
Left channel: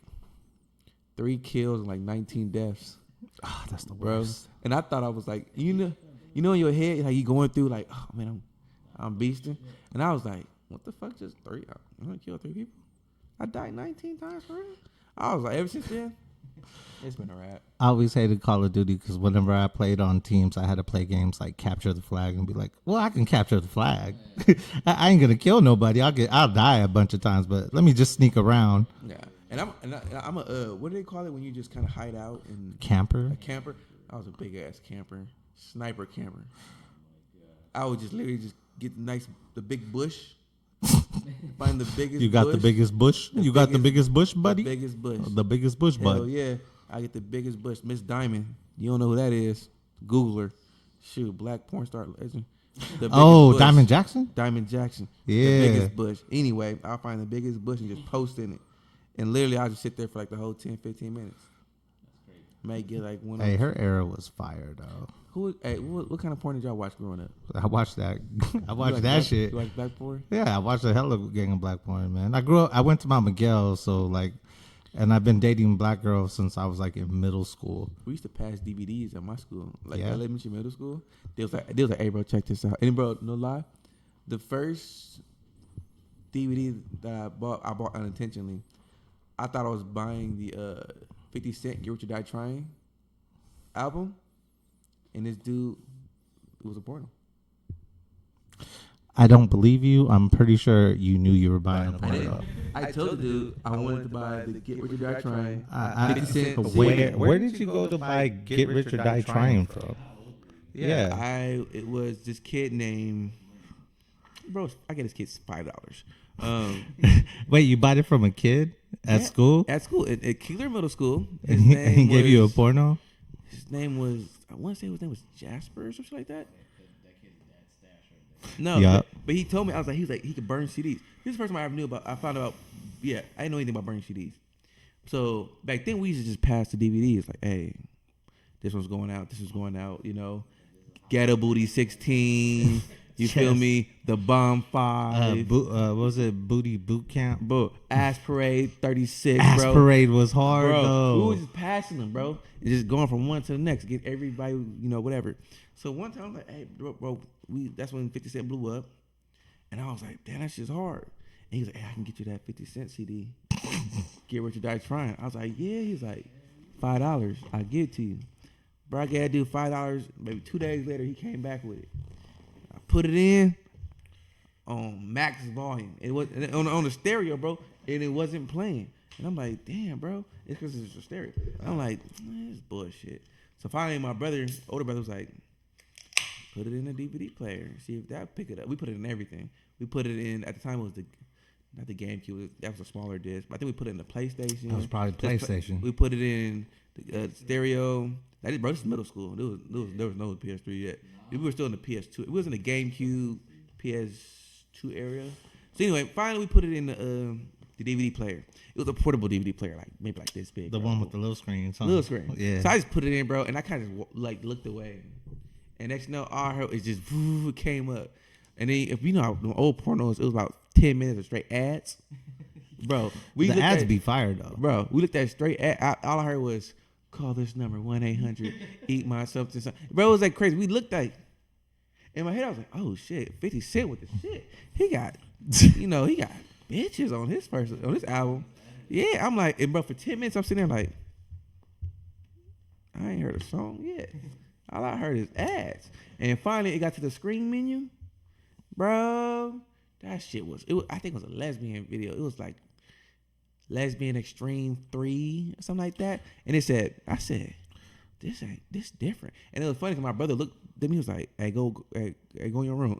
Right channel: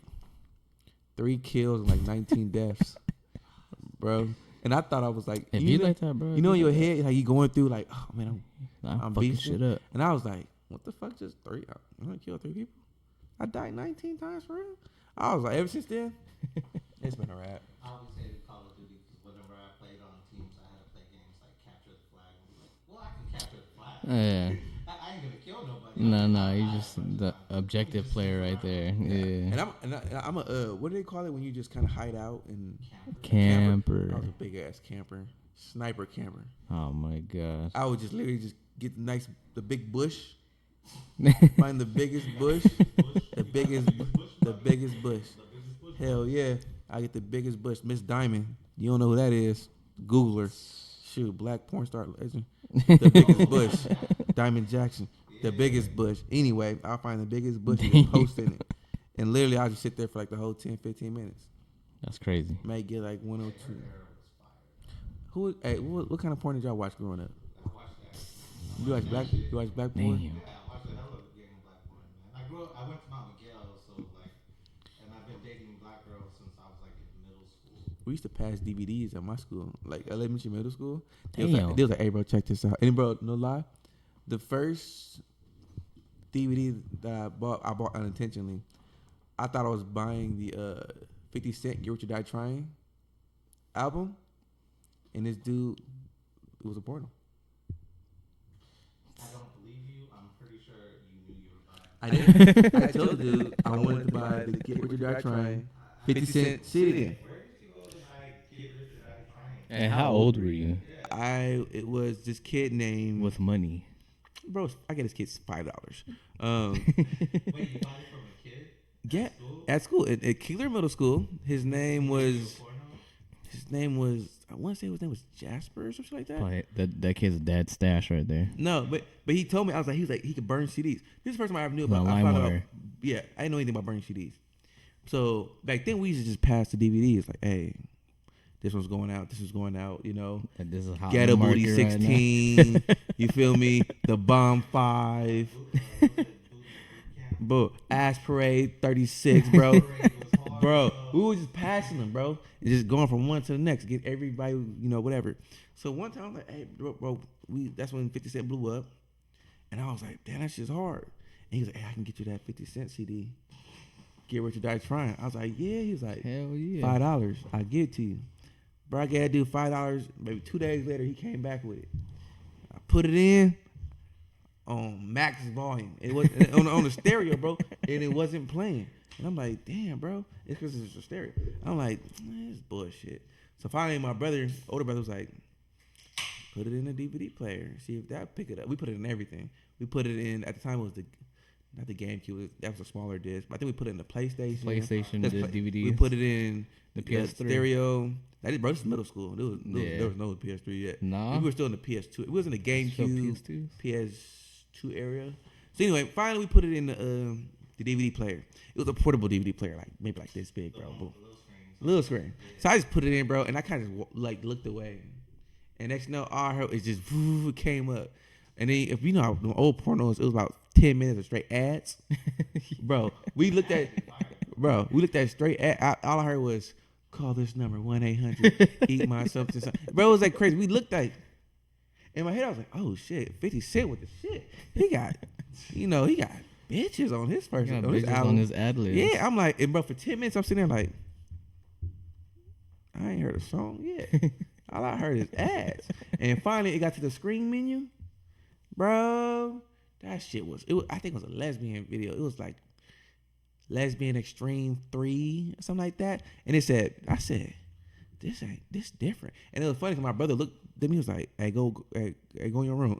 3 kills and like 19 deaths. Oh, that's the Bro. worst. And I thought I was like, If you you know, like that, bro. you know in your head, like you going through like, oh man, I'm fucking beasting. shit up. And I was like, what the fuck, just 3? I'm gonna kill 3 people? I died 19 times for real? I was like, ever since then, it's been a wrap. I always hated Call of Duty because whenever I played on teams, I had to play games like capture the flag and be like, well, I can capture the flag. Yeah. I ain't gonna kill nobody. I'll No, I'll you die a just- bunch of the times, but let me objective just sneak player right around. there. Yeah. And I'm a what do they call it when you just kind of hide out and Camper. Camper. I was a big ass camper, sniper camper. Oh my god. I would just literally just get the big bush, find the biggest. You got bush, the biggest bush. the You got the biggest- biggest bush, buddy. The biggest bush. The biggest bush, Hell buddy. yeah, I get the biggest bush. Miss Diamond. You don't know who that is? Google her. Shoot, black porn star legend. The biggest Oh, bush. Diamond Jackson. Diamond Jackson. Yeah. The biggest bush. Anyway, I'll find the biggest bush and just post in it. And literally, I'll just sit there for like the whole 10, 15 minutes. That's crazy. May get like one. Hey, or her two. era was fire though. What kind of porn did y'all watch growing up? I watched that. I You watched like that black, shit. You watch black porn? Damn. Yeah, I watched a hell of a gang of black porn, man. I grew up. I went to Mount Miguel, so like, and I've been dating black girls since I was like in middle school. We used to pass DVDs at my school, like Yeah. elementary, middle school. They Damn. was like, hey, bro, check this out. And bro, no lie, the first DVD that I bought unintentionally. I thought I was buying the 50 Cent "Get Rich or Die Trying" album, and this dude, it was a porno. I don't believe you. I'm pretty sure you knew you were buying them. I did. I told the dude I wanted to buy the "Get Rich or Die Trying." 50 Cent Where, CD. where did you go to buy Get Rich or Die Trying from? And how old were you? Yeah. It was this kid named With money. bro. I get this kid $5. Wait, you bought it from a kid at Yeah, school? At school, at Keeler Middle School. His He name gave you a was. porno? His name was. I want to say his name was Jasper or something like that. Oh, that kid's dad's stash right there. No, Yup. but he told me he was like he could burn CDs. This is the first time I ever knew about. No, I found out. LimeWire. Yeah, I didn't know anything about burning CDs. So back then we used to just pass the DVDs like, hey, this one's going out. This is going out. You know, And this is how Ghetto the Booty market right now. 16. You feel me? The Bomb 5. What was it? Booty Boot Camp? Bro, Ass Parade 36, Ass bro. Parade was hard, Bro, though. we was just passing them, bro. And just going from one to the next, get everybody, whatever. So one time I'm like, hey, bro, that's when 50 Cent blew up. And I was like, damn, that shit's hard. And he was like, hey, I can get you that 50 Cent CD. Get Rich or Die Trying. I was like, yeah. He was like, Hell yeah. $5. I'll give it to you. Bro, I got to do $5. Maybe 2 days later, he came back with it. I put it in on max volume. It was on the stereo, bro, and it wasn't playing. And I'm like, damn, bro, it's because it's a stereo. I'm like, man, this bullshit. So finally, my older brother was like, put it in a DVD player, see if that pick it up. We put it in everything. We put it in, at the time it was not the GameCube, that was a smaller disc, but I think we put it in the PlayStation. PlayStation. We put it in the PS3. stereo. Bro, this is middle school. There was no PS3 yet. Nah. We were still in the PS2. It was in the GameCube, PS2s? PS2 area. So anyway, finally we put it in the DVD player. It was a portable DVD player, like maybe like this big. The bro. one with the little screen. Little screen. Yeah. So I just put it in, bro, and I kind of just looked away. And next, all I heard is just it came up. And then if you know how the old pornos, it was about 10 minutes of straight ads. Bro, we the looked ads at be fired though. Bro, we looked at straight ad. All I heard was call this number 1-800 eat my something. Bro, it was like crazy. We looked at, In my head, I was like, oh shit, 50 Cent with the shit. He got, he got bitches on his first on his album. On his ad lib. Yeah, I'm like, and bro, for 10 minutes, I'm sitting there like, I ain't heard a song yet. All I heard is ads. And finally, it got to the screen menu, bro. That shit was, I think it was a lesbian video. It was like Lesbian Extreme 3 or something like that. And I said, this different. And it was funny because my brother looked at me, he was like, hey, go in your room.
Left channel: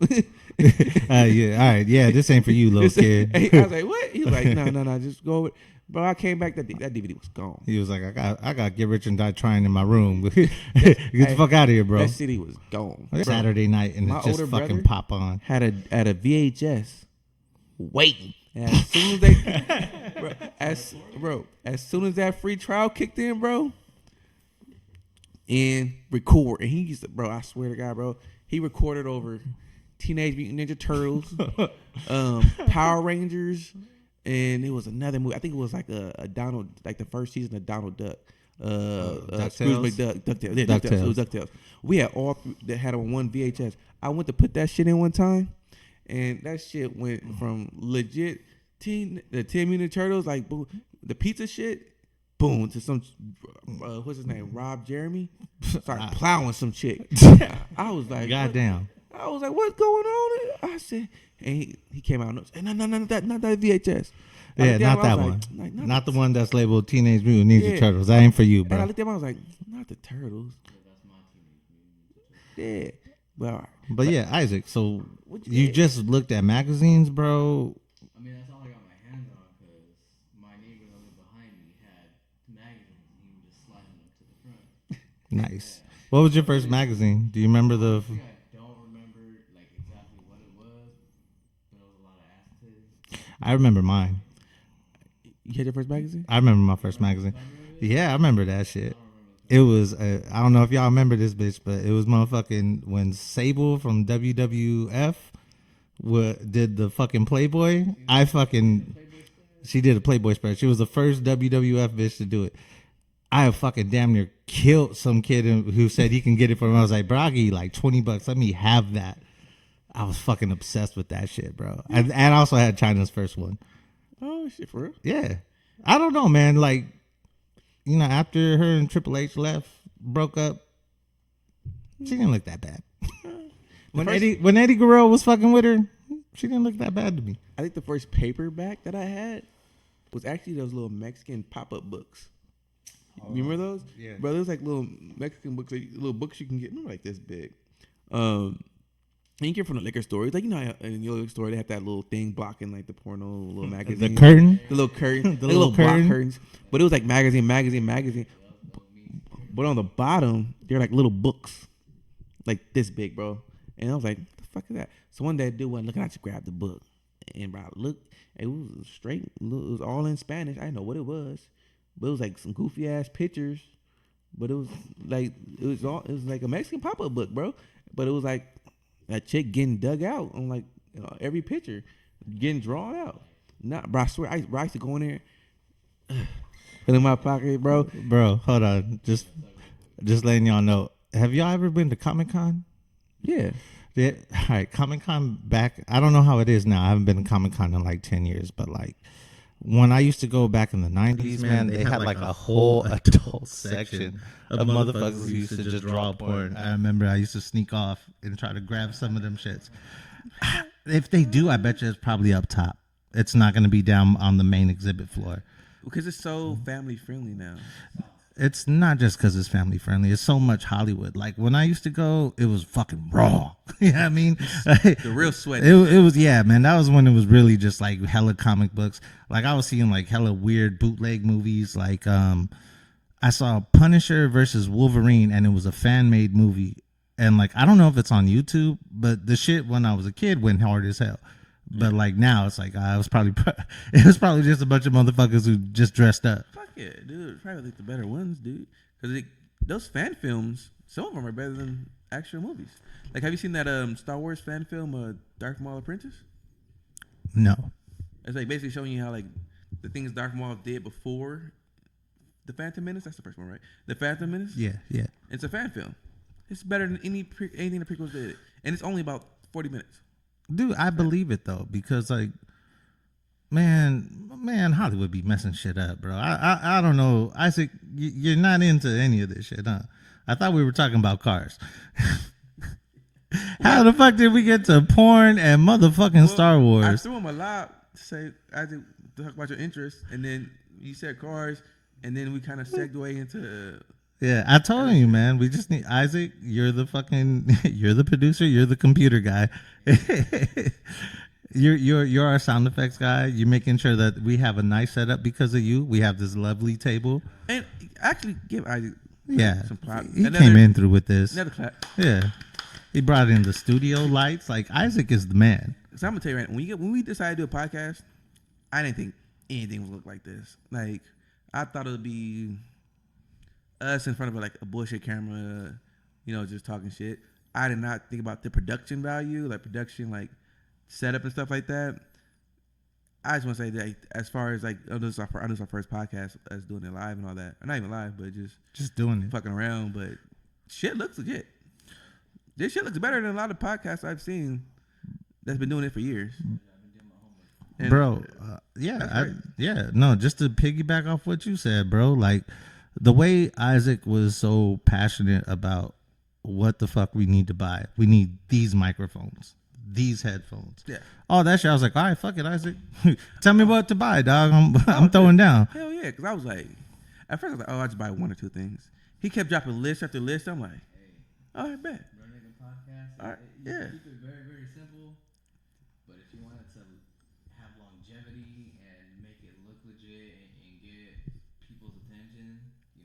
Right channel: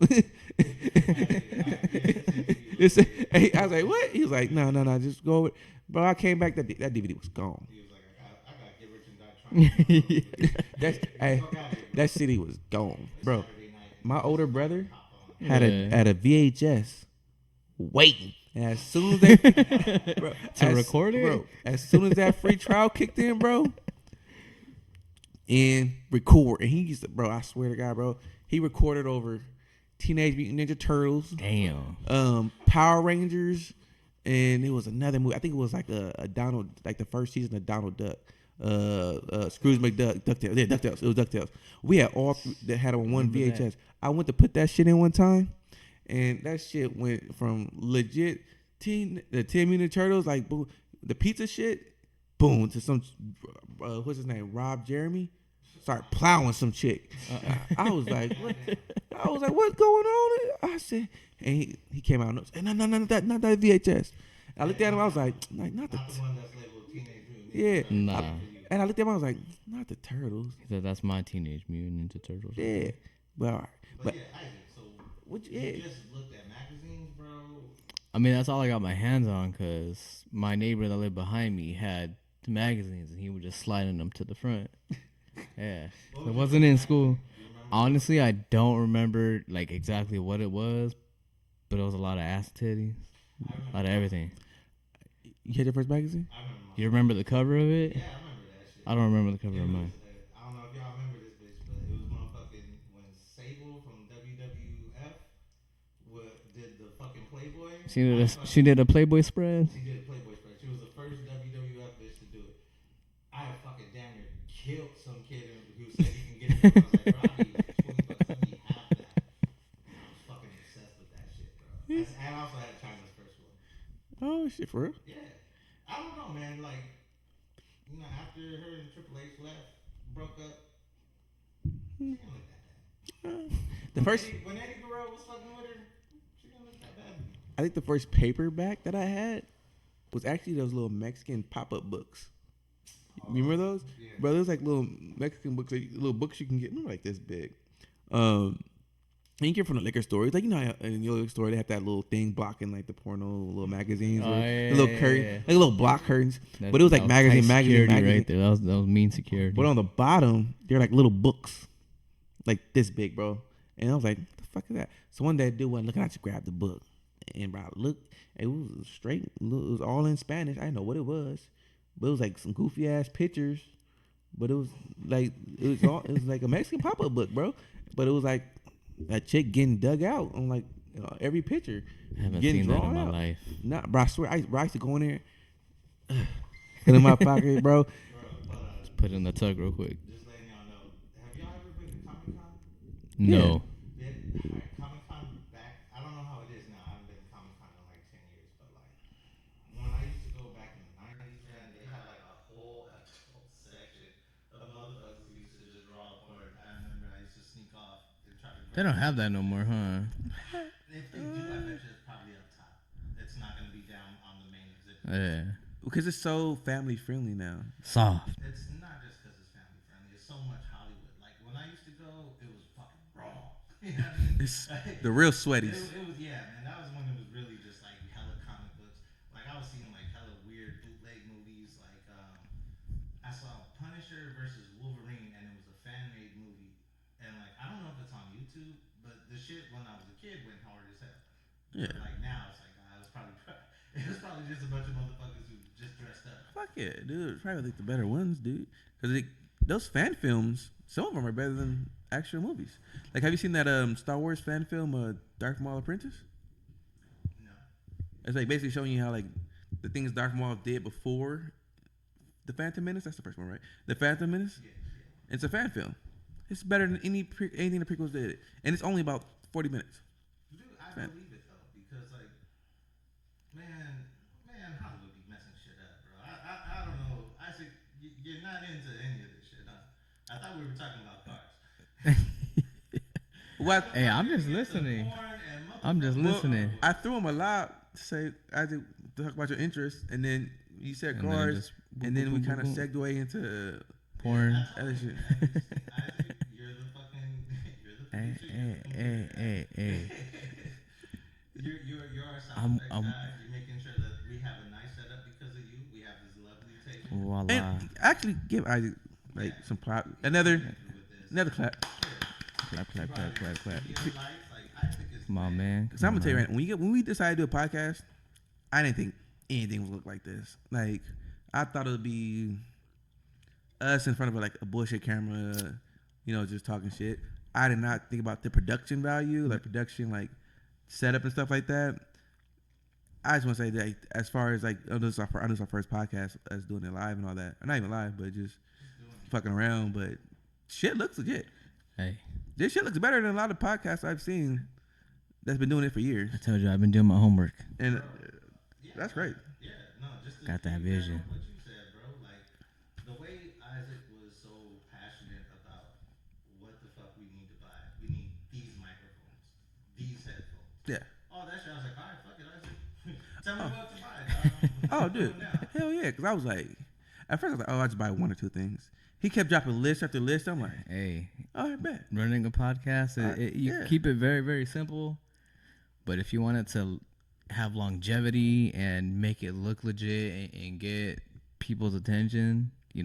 Yeah, all right, yeah, this ain't for you, little kid. I was like, what? He was like, no, just go. Bro, I came back, that DVD was gone. He was like, I got Get Rich and Die Trying in my room. Get the fuck out of here, bro. That CD was gone. Bro, Saturday night and my it just older fucking brother pop on. had a VHS waiting. And as soon as they bro, record it? Bro, as soon as that free trial kicked in, bro, and record. And he used to, bro, I swear to God, bro, he recorded over Teenage Mutant Ninja Turtles, Power Rangers, and it was another movie. I think it was like a Donald, like the first season of Donald Duck. Scrooge McDuck, DuckTales. Yeah, DuckTales. It was DuckTales. We had all that had on one VHS. I went to put that shit in one time, and that shit went from legit the 10 Mutant Turtles, like boom, the pizza shit, boom, to some what's his name, Rob Jeremy, started plowing some chick. I was like, goddamn. I was like, what's going on? I said, and he came out and said, no, not that VHS. Yeah, not that one. Not the one that's labeled Teenage Mutant Ninja Turtles. That ain't for you, bro. And I looked at him, I was like, not the Turtles. That's my Teenage Mutant Ninja Turtles. Yeah. Well, all right. But yeah, Isaac, so you just looked at magazines, bro? I mean, that's all I got my hands on because my neighbor that lived behind me had the magazines and he would just slide them to the front. Nice. Yeah. What was your Wasn't first in magazine? school. Do you remember? Honestly, I don't remember like exactly what it was, but it was a lot of ass titty. I remember mine. Everything. You had your first magazine? I remember my You first remember magazine. the cover of it? Yeah, I remember that shit. I don't remember the cover. It was, I don't know if y'all remember this bitch, but it was motherfucking when Sable from WWF did the fucking Playboy. She did a Playboy spread. She did a Playboy spread. She was the first WWF bitch to do it. I have fucking damn near killed some kid who said he can get it from me. I was like, bro, I'll give you like $20. Let me have that. I was fucking obsessed with that shit, bro. And I also had China's first one. Oh, shit, for real? Yeah. I don't know, man. Like, you know, after her and Triple H broke up, she didn't look that bad. When Eddie Guerrero was fucking with her, she didn't look that bad to me. I think the first paperback that I had was actually those little Mexican pop-up books. You remember those? Yeah. Bro, those like little Mexican books, like little books you can get, like this big. And you get from the liquor store. It's like, you know, how in the liquor store they have that little thing blocking like the porno little magazine, the curtain, the little curtain, the like little block curtain. curtains. But it was like magazine. Right there. That was mean security. But on the bottom, they're like little books, like this big, bro. And I was like, what the fuck is that? So one day, I wasn't looking, I just grabbed the book, and bro, look, it was straight. It was all in Spanish. I didn't know what it was, but it was like some goofy ass pictures. But it was like it was like a Mexican pop up book, bro. But it was like a chick getting dug out on like every picture, getting drawn out. Nah, bro, I swear, I used to go in there, and in my pocket, bro. Bro, hold on. Put it in the tug real quick. Just letting y'all know. Have y'all ever been to Comic-Con? No. Yeah. All right, Comic-Con back. I don't know how it is now. I haven't been to Comic-Con in like 10 years, but like when I used to go back in the 90s, man, they had like a whole adult section of motherfuckers who used to just draw porn. I remember I used to sneak off and try to grab some of them no more, huh? If they do, I bet you it's probably up top. It's not going to be down on the main exhibit floor. Because it's so family friendly now. Soft. It's not just because it's family friendly. It's so much Hollywood. Like when I used to go, it was fucking raw. You know what I mean? The real sweat. It was, yeah, man. That was when it was really just like hella comic books. Like I was seeing like hella weird bootleg movies. Like I saw Punisher versus Wolverine, and it was a fan made movie. And like I don't know if it's on YouTube, but the shit when I was a kid went hard as hell. But like now, it's like it was probably just a bunch of motherfuckers who just dressed up. Fuck yeah, dude. It's probably like the better ones, dude. Because those fan films, some of them are better than actual movies. Like, have you seen that Star Wars fan film, Darth Maul Apprentice? No. It's like basically showing you how like the things Darth Maul did before the Phantom Menace. That's the first one, right? The Phantom Menace. Yeah. It's a fan film, It's better than anything the prequels did, and it's only about 40 minutes. Dude, I believe it though, because like, man, Hollywood be messing shit up, bro. I don't know, Isaac. You're not into any of this shit, huh? I thought we were talking about cars. How the fuck did we get to porn and motherfucking Star Wars? I threw him a lot to say I did talk about your interests, and then you said cars, and then we kind of segued into. Yeah, I told you, man. We just need Isaac. You're the producer. You're the computer guy. Hey. You're our sound effects guy. You're making sure that we have a nice setup because of you. We have this lovely table. Voila. And actually, give Isaac some clap. He came in through with this. Another clap. Yeah. He brought in the studio lights. Like, Isaac is the man. Because I'm gonna tell you right now, when we decided to do a podcast, I didn't think anything would look like this. Like, I thought it would be us in front of like a bullshit camera, just talking shit. I did not think about the production value, like production, like setup and stuff like that. I just want to say that as far as like, this is our first podcast, us doing it live and all that. Or not even live, but just doing it, fucking around. But shit looks legit. Hey. This shit looks better than a lot of podcasts I've seen that's been doing it for years. I told you I've been doing my homework, And bro. Yeah, that's right. No, just to Got that piggyback vision. off what you said, bro. Like, the way Isaac was so passionate about what the fuck we need to buy. We need these microphones, these headphones. Yeah. Oh, that shit. I was like, all right, fuck it, Isaac. Tell me what to buy, dog. I'm throwing down. Hell yeah, because I was like, at first I was like, oh, I just buy one or two things. He kept dropping list after list. I'm like, hey, all right, bet. running a podcast, you keep it very, very simple. But if you want it to have longevity and make it look legit and get people's attention, you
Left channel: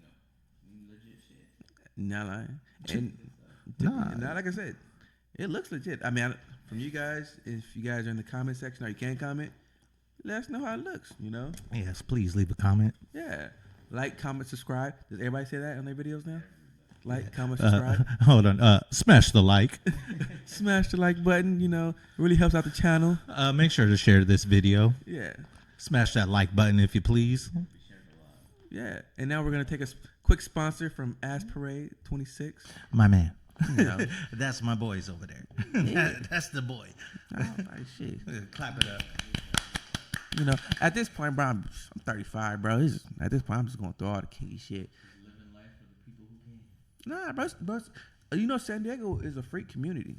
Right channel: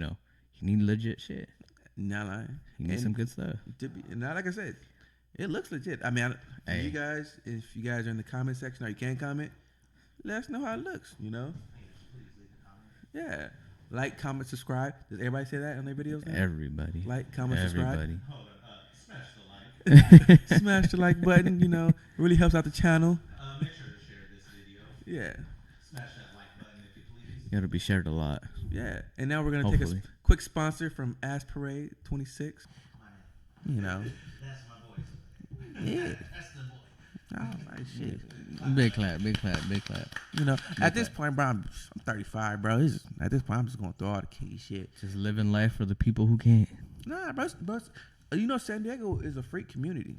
need legit shit. Not lying. You need some good stuff. Not like I said, it looks legit. I mean, you guys, if you guys are in the comment section or you can comment, let us know how it looks. Yes, please leave a comment. Yeah. Like, comment, subscribe. Does everybody say that on their videos now? Everybody. Like, comment, subscribe. Hold on. Smash the like. Smash the like button. It really helps out the channel. Make sure to share this video. Yeah. Smash that like button if you please. It'll be shared a lot. Yeah. And now we're going to take a Hopefully. quick sponsor from Ass Parade 26. My man. No. That's my boys over there. That's the boy. Oh, nice shit. Big clap, big clap, big clap. At this point, bro, I'm 35, bro. At this point, I'm just going through all the kinky shit. Just living life for the people who can't. Nah, bro. San Diego is a freak community.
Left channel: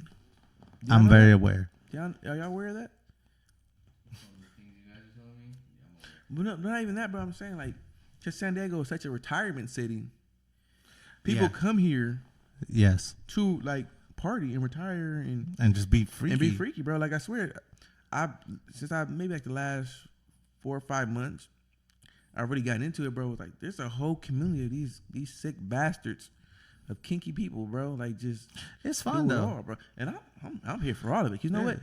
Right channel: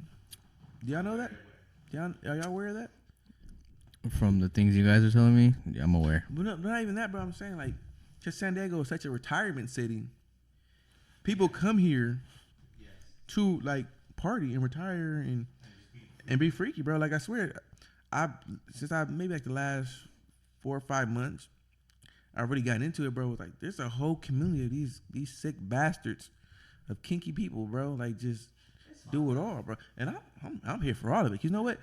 I'm very aware. Are y'all aware of that? From the things you guys are telling me, yeah, I'm aware. But not even that, bro. I'm saying, like, just San Diego is such a retirement city. People come here Yes. to, like, party and retire and just be free. and be freaky, bro. Like, I swear, since maybe like the last 4 or 5 months, I really gotten into it, bro. Like, there's a whole community of these sick bastards of kinky people, bro. Like, just It's fun do it though. all, bro. And I'm here for all of it. You know what?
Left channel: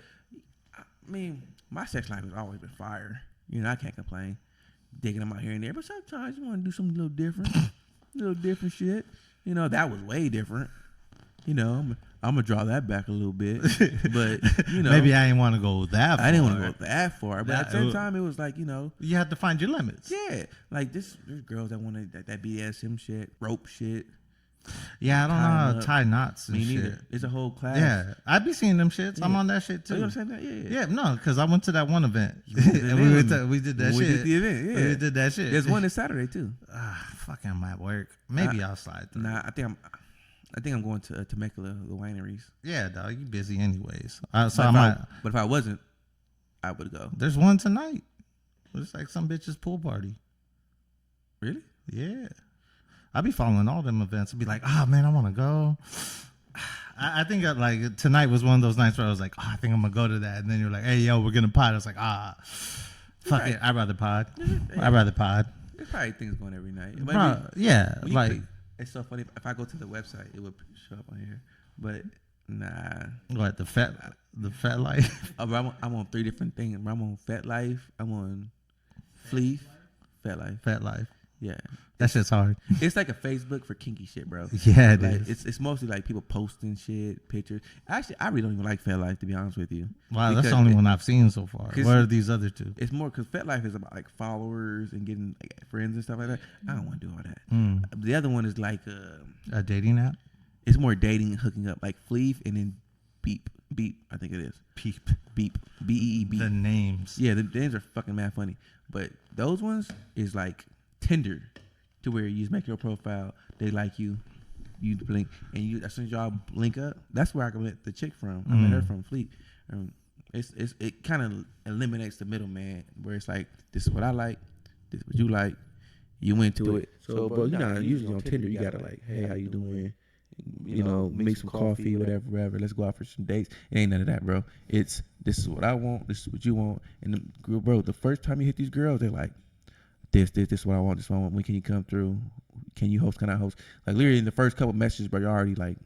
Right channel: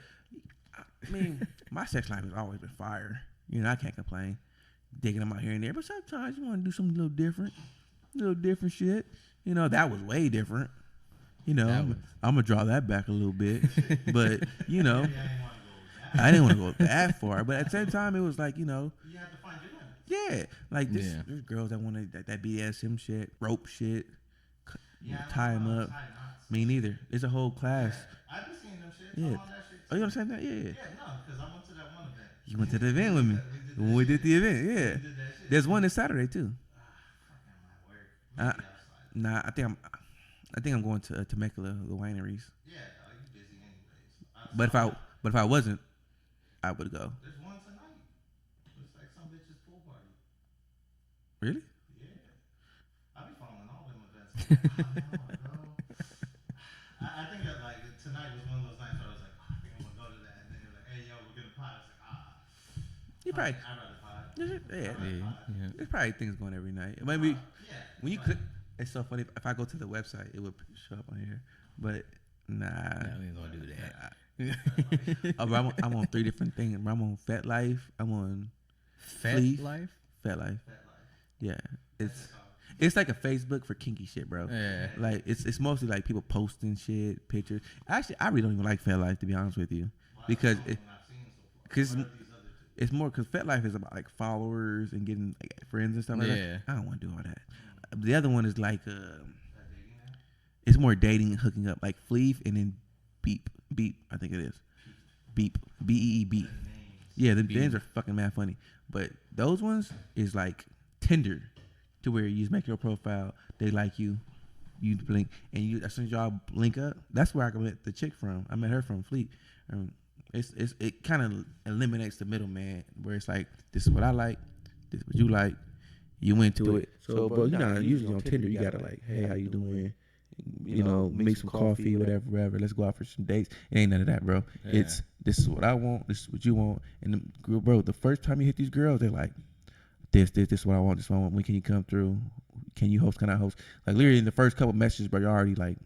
I mean, my sex life has always been fire. I can't complain. Digging them out here and there, but sometimes you want to do something a little different shit. That was way different. I'm gonna draw that back a little bit, but maybe I didn't want to go that far. I didn't want to go that far, but at the same time, it was like you have to find your limits. yeah, like there's girls that want that BDSM shit, rope shit. Yeah, I don't know how to tie knots. Me and neither. shit. It's a whole class. Yeah, I be seeing them shits. I'm Yeah. on that shit too. Oh, you understand that? Yeah. Yeah, no, because I went to that one event. You went to the And event with me. we did that We shit. did the event. Yeah, We did that shit. There's one this Saturday too. Fucking I'm at work. Maybe I'll slide through. Nah, I think I'm going to Temecula, the wineries. Yeah, dog, you busy anyways. But if I wasn't, I would go. There's one tonight. It's like some bitch's pool party. Really? Yeah. I be following all them events and be like, oh man, I want to go. I think like tonight was one of those nights where I was like, oh, I think I'm gonna go to that. And then you're like, hey, yo, we're gonna pod. I was like, fuck right. it. I'd rather pod. Yeah. I'd rather pod. There's probably things going every night. But Bro, yeah. when you Like, click, it's so funny. If I go to the website, it would show up on here. But nah. what, the fat life? I'm on 3 different things. I'm on Fat Life. I'm on Fat Fleet. Life? Fat Life. Fat life. Yeah. That shit's hard. It's like a Facebook for kinky shit, bro. Yeah, it like is. it's mostly like people posting shit, pictures. Actually, I really don't even like Fat Life, to be honest with you. Wow, that's Because the only it- one I've seen so far. 'cause What are these other two? It's more because Fat Life is about like followers and getting like friends and stuff like that. Yeah. I don't want to do all that. Mm. The other one is like A dating app? It's more dating and hooking up, like Fleef and then Beep. I think it is. Beep. BEE Beep. The names. Yeah, the names are fucking mad funny. But those ones is like Tinder, to where you just make your profile, they like you, you blink, and you as soon as y'all link up, that's where I met the chick from. I met her from Fleet. It kind of eliminates the middleman, where it's like, this is what I like, this is what you like, you into it. So, bro, you know, usually on Tinder, you gotta like, hey, how you doing? You know, make some coffee, whatever. Let's go out for some dates. It ain't none of that, bro. Yeah. It's this is what I want. This is what you want. And bro, the first time you hit these girls, they're like, this is what I want. This is what I want. When can you come through? Can you host? Can I host? Like literally in the first couple messages, bro, you're already like,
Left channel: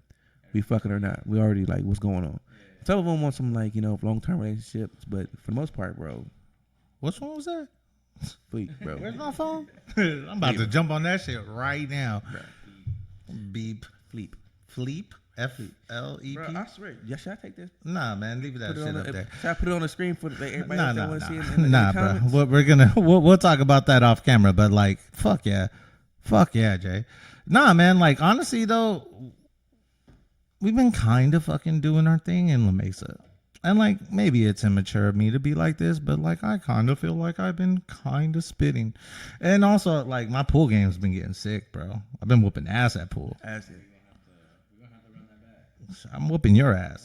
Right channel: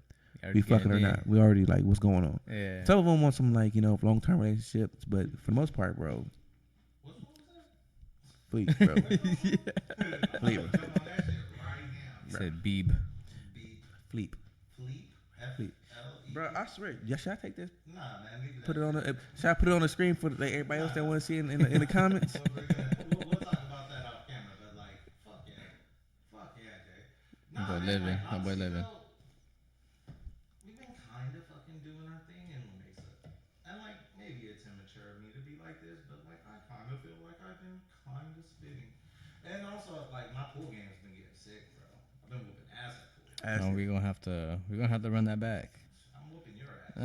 we fucking or not. We already like, what's going on? Yeah. Some of them want some like, you know, long term relationships, but for the most part, bro. Which one was that? Fleet, bro. Where's my phone? I'm about to jump on that shit right now. Said Beep. Fleep. F-L-E-P. Bro, I swear. Yeah, should I take this? Nah, man, leave that put it shit on up there. Should I put it on the screen for like, everybody else that want to see it in the comments? Bro. We're gonna we'll talk about that off camera, but like, fuck yeah, Jay. Nah, man, like honestly though, we've been kind of fucking doing our thing in La Mesa. And like maybe it's immature of me to be like this, but like I kind of feel like I've been kind of spitting, and also like my pool game's been getting sick, bro. I've been whooping ass at pool. We're gonna have to run that back. I'm whooping your ass.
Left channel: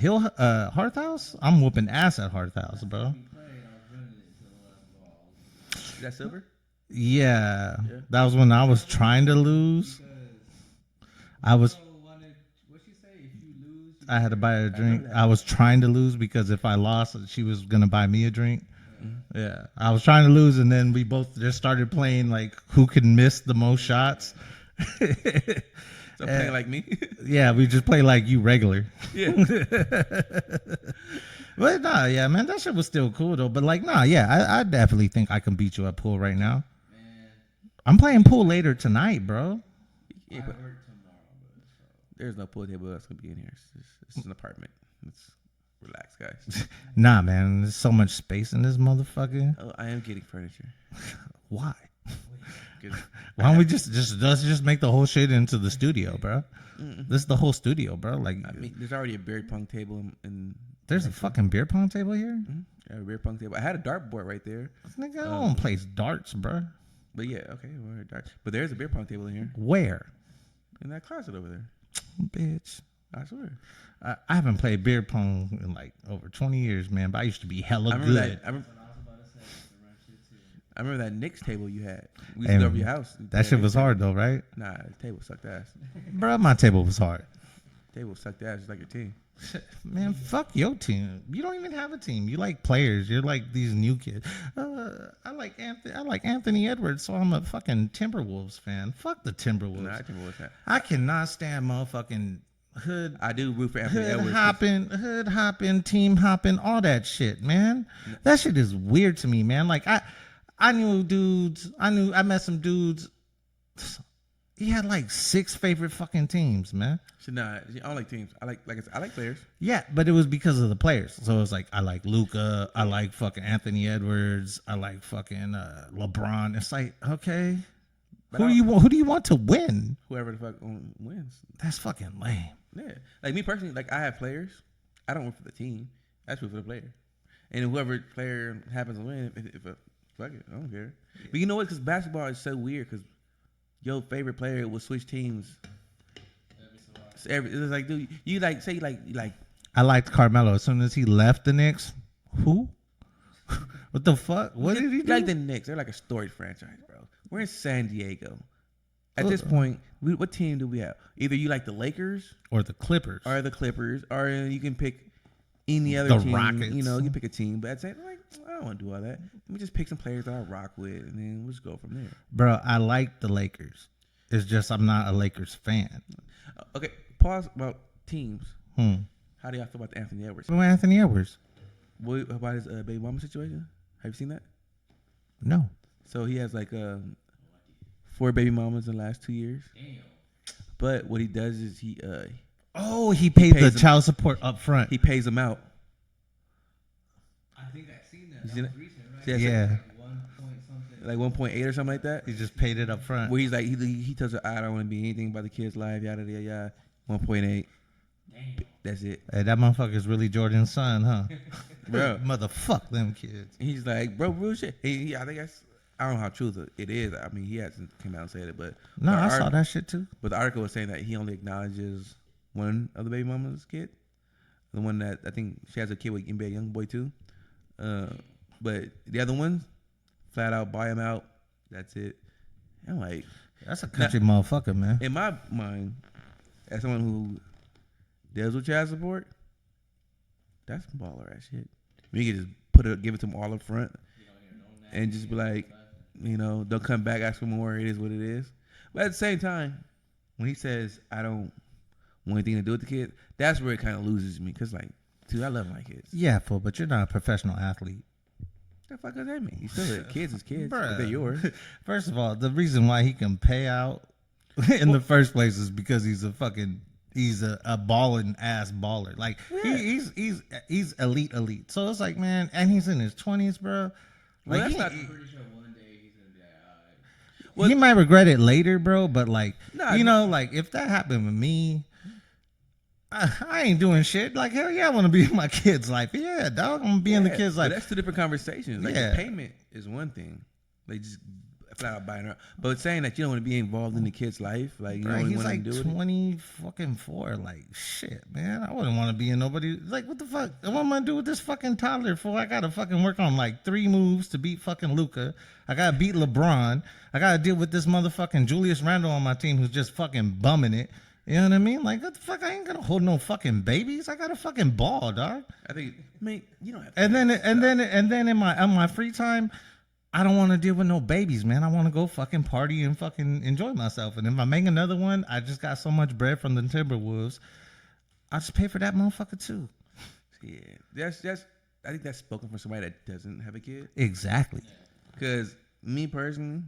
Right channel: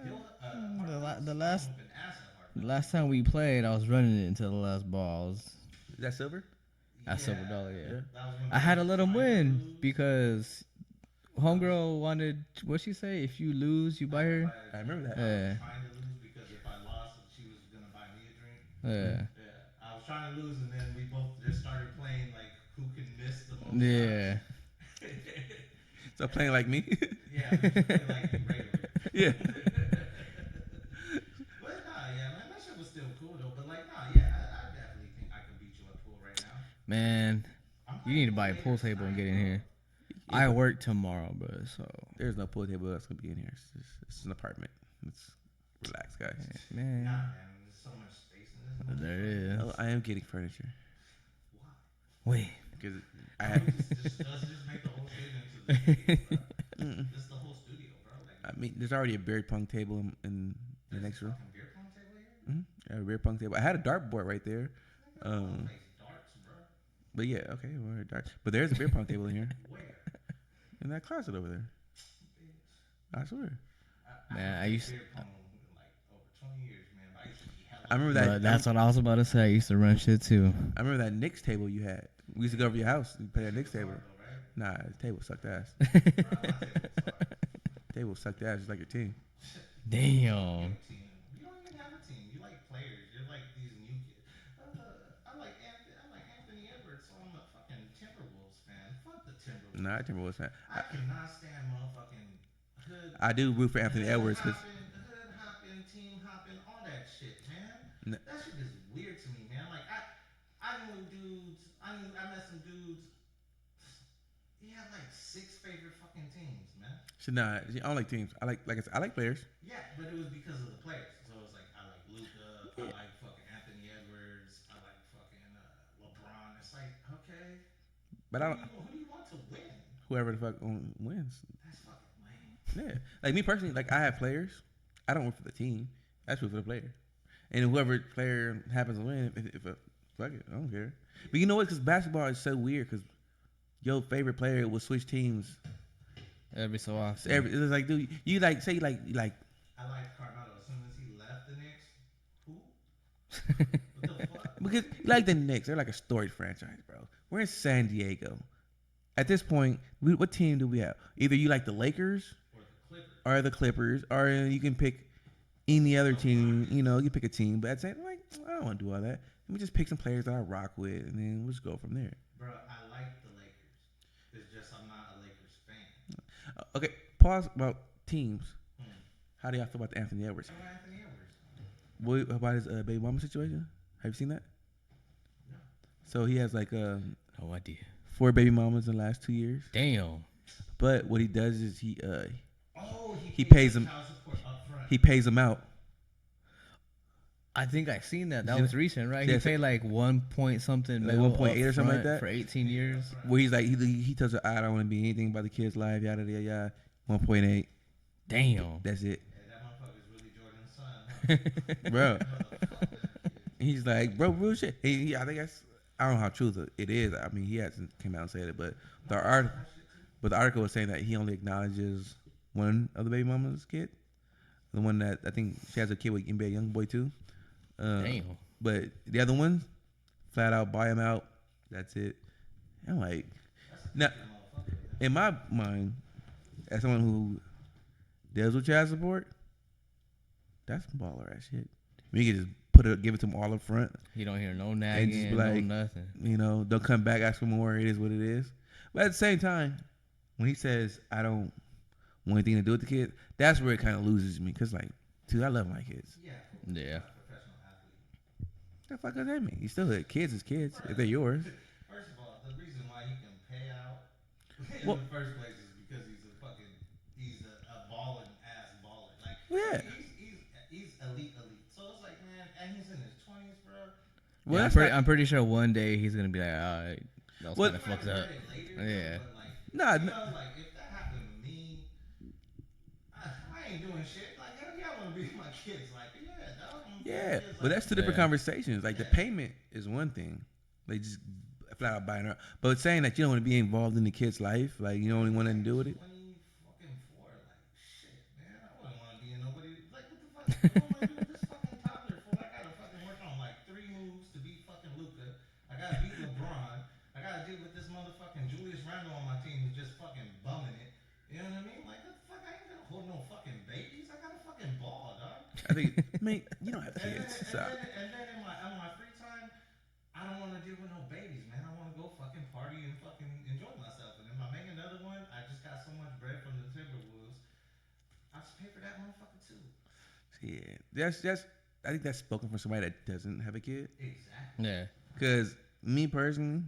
Hearth House. I'm whooping ass at Hearth House. Last bro. time we played, I was running it until the last ball. Is that silver? Yeah, that was when I was trying to lose because. Girl wanted, what'd she say? If you lose, you buy I had to buy her a drink. I was trying to lose because if I lost, she was going to buy me a drink. Yeah. I was trying to lose, and then we both just started playing, like, who can miss the most shots. So playing like me? Yeah, we just play like you regular. Yeah. But, nah, yeah, man, that shit was still cool, though. But, like, nah, yeah, I definitely think I can beat you at pool right now. Man. I'm playing pool later tonight, bro. Here. I work tomorrow, bro. So there's no pool table that's gonna be in here. It's an apartment. It's relax, guys. Nah, man. There's so much space in this motherfucker. Yeah. Oh, I am getting furniture. Why? Wait. Why don't we just make the whole shit into the studio, bro? This is the whole studio, bro. Like, I mean, there's already a beer pong table in there's a fucking beer pong table here. Mm-hmm. Yeah, a beer pong table. I had a dartboard right there. Nigga, I don't play darts, bro. But yeah, okay, we're darts. But there's a beer pong table in here. Where? In that closet over there. Bitch. I swear. I haven't played beer pong in like over 20 years, man. But I used to be hella good. That's what I was about to say. I used to run shit too. I remember that Knicks table you had. We used to go over your house. That shit was hard though, right? Nah, the table sucked ass. Bro, my table was hard. Table sucked ass just like your team. Man, fuck your team. You don't even have a team. You like players. You're like these new kids. I like Anthony Edwards, so I'm a fucking Timberwolves fan. Fuck the Timberwolves. Nah, Timberwolves fan. I cannot stand motherfucking hood. I do root for Anthony Edwards. Hood hopping, team hopping, all that shit, man. That shit is weird to me, man. Like I knew dudes. I met some dudes. He had like 6 favorite fucking teams, man. Nah, I don't like teams. I like players. Yeah, but it was because of the players. So it was like I like Luka, I like fucking Anthony Edwards, I like fucking LeBron. It's like, okay, but who do you want to win? Whoever the fuck wins. That's fucking lame. Yeah, like me personally, like I have players. I don't root for the team. I just root for the player. And whoever player happens to win, if fuck it, I don't care. But you know what? Because basketball is so weird. Because your favorite player will switch teams every so often. It's like, dude, you like say like. I liked Carmelo. As soon as he left the Knicks, who? What the fuck? What did he do? Like the Knicks, they're like a storied franchise, bro. We're in San Diego. At this point, what team do we have? Either you like the Lakers or the Clippers, or you can pick any other team. Rockets. You know, you pick a team. But I'd say, like, I don't want to do all that. Let me just pick some players that I rock with, and then we'll just go from there. Bro, I like the Lakers. It's just I'm not a Lakers fan. Okay, pause about teams. How do y'all feel about the Anthony Edwards? Anthony Edwards. What about his baby mama situation? Have you seen that? No. So he has like oh, I did. 4 baby mamas in the last 2 years. Damn. But what he does is he pays the child support up front. He pays them out. I think I seen that. That was recent, right? Yeah, he said like 1 point something, like 1.8 or something like that. He just paid it up front. Where he's like he tells her, I don't want to be anything about the kid's life, yada yada yada. 1.8. Damn. That's it, Hey, that motherfucker's really Jordan's son, huh? bro. Motherfuck them kids. He's like, bro, real shit. I think I don't know how true it is. I mean, he hasn't came out and said it, but No, I saw that shit too. But the article was saying that he only acknowledges one of the baby mama's kid, the one that I think she has a kid with NBA YoungBoy too. Damn. But the other one, flat out buy him out. That's it. I'm like, That's a country motherfucker, man. in my mind, as someone who deals with child support, that's some baller ass shit. We can just give it to him all up front. You don't hear no nagging, And just be like, no nothing. Don't come back, ask for more. It is what it is. But at the same time, when he says, I don't want anything to do with the kid, that's where it kind of loses me. Because, like, dude, I love my kids. Yeah, fool, but you're not a professional athlete. What the fuck does that mean? You still kids is kids. Bruh. If they're yours. First of all, the reason why he can pay out in the first place is because he's a balling ass baller. Like he's elite. So it's like, man, and he's in his 20s, bro. Well, Like, I'm pretty sure one day he's gonna be like, all right. he might regret it later, bro. Yeah. But like, Nah, like if that happened with me, I ain't doing shit. Like, hell yeah, I want to be in my kid's life. Yeah, dog, I'm gonna be in the kid's life. But that's two different conversations. Like, Yeah. the payment is one thing. They just flat out buying her. But saying that you don't want to be involved in the kid's life, like, you don't He's want like to do with it. 24. Like, shit, man. I wouldn't want to be in nobody. Like, what the fuck? What am I gonna do with this fucking toddler for? I gotta fucking work on like 3 moves to beat fucking Luca. I gotta beat LeBron. I gotta deal with this motherfucking Julius Randle on my team who's just fucking bumming it. You know what I mean? Like, what the fuck? I ain't gonna hold no fucking babies. I got a fucking ball, dog. I think, you don't have to. And then in my free time, I don't want to deal with no babies, man. I want to go fucking party and fucking enjoy myself. And if I make another one, I just got so much bread from the Timberwolves. I just pay for that motherfucker too. Yeah, that's I think that's spoken for somebody that doesn't have a kid. Exactly. Yeah. Because me personally,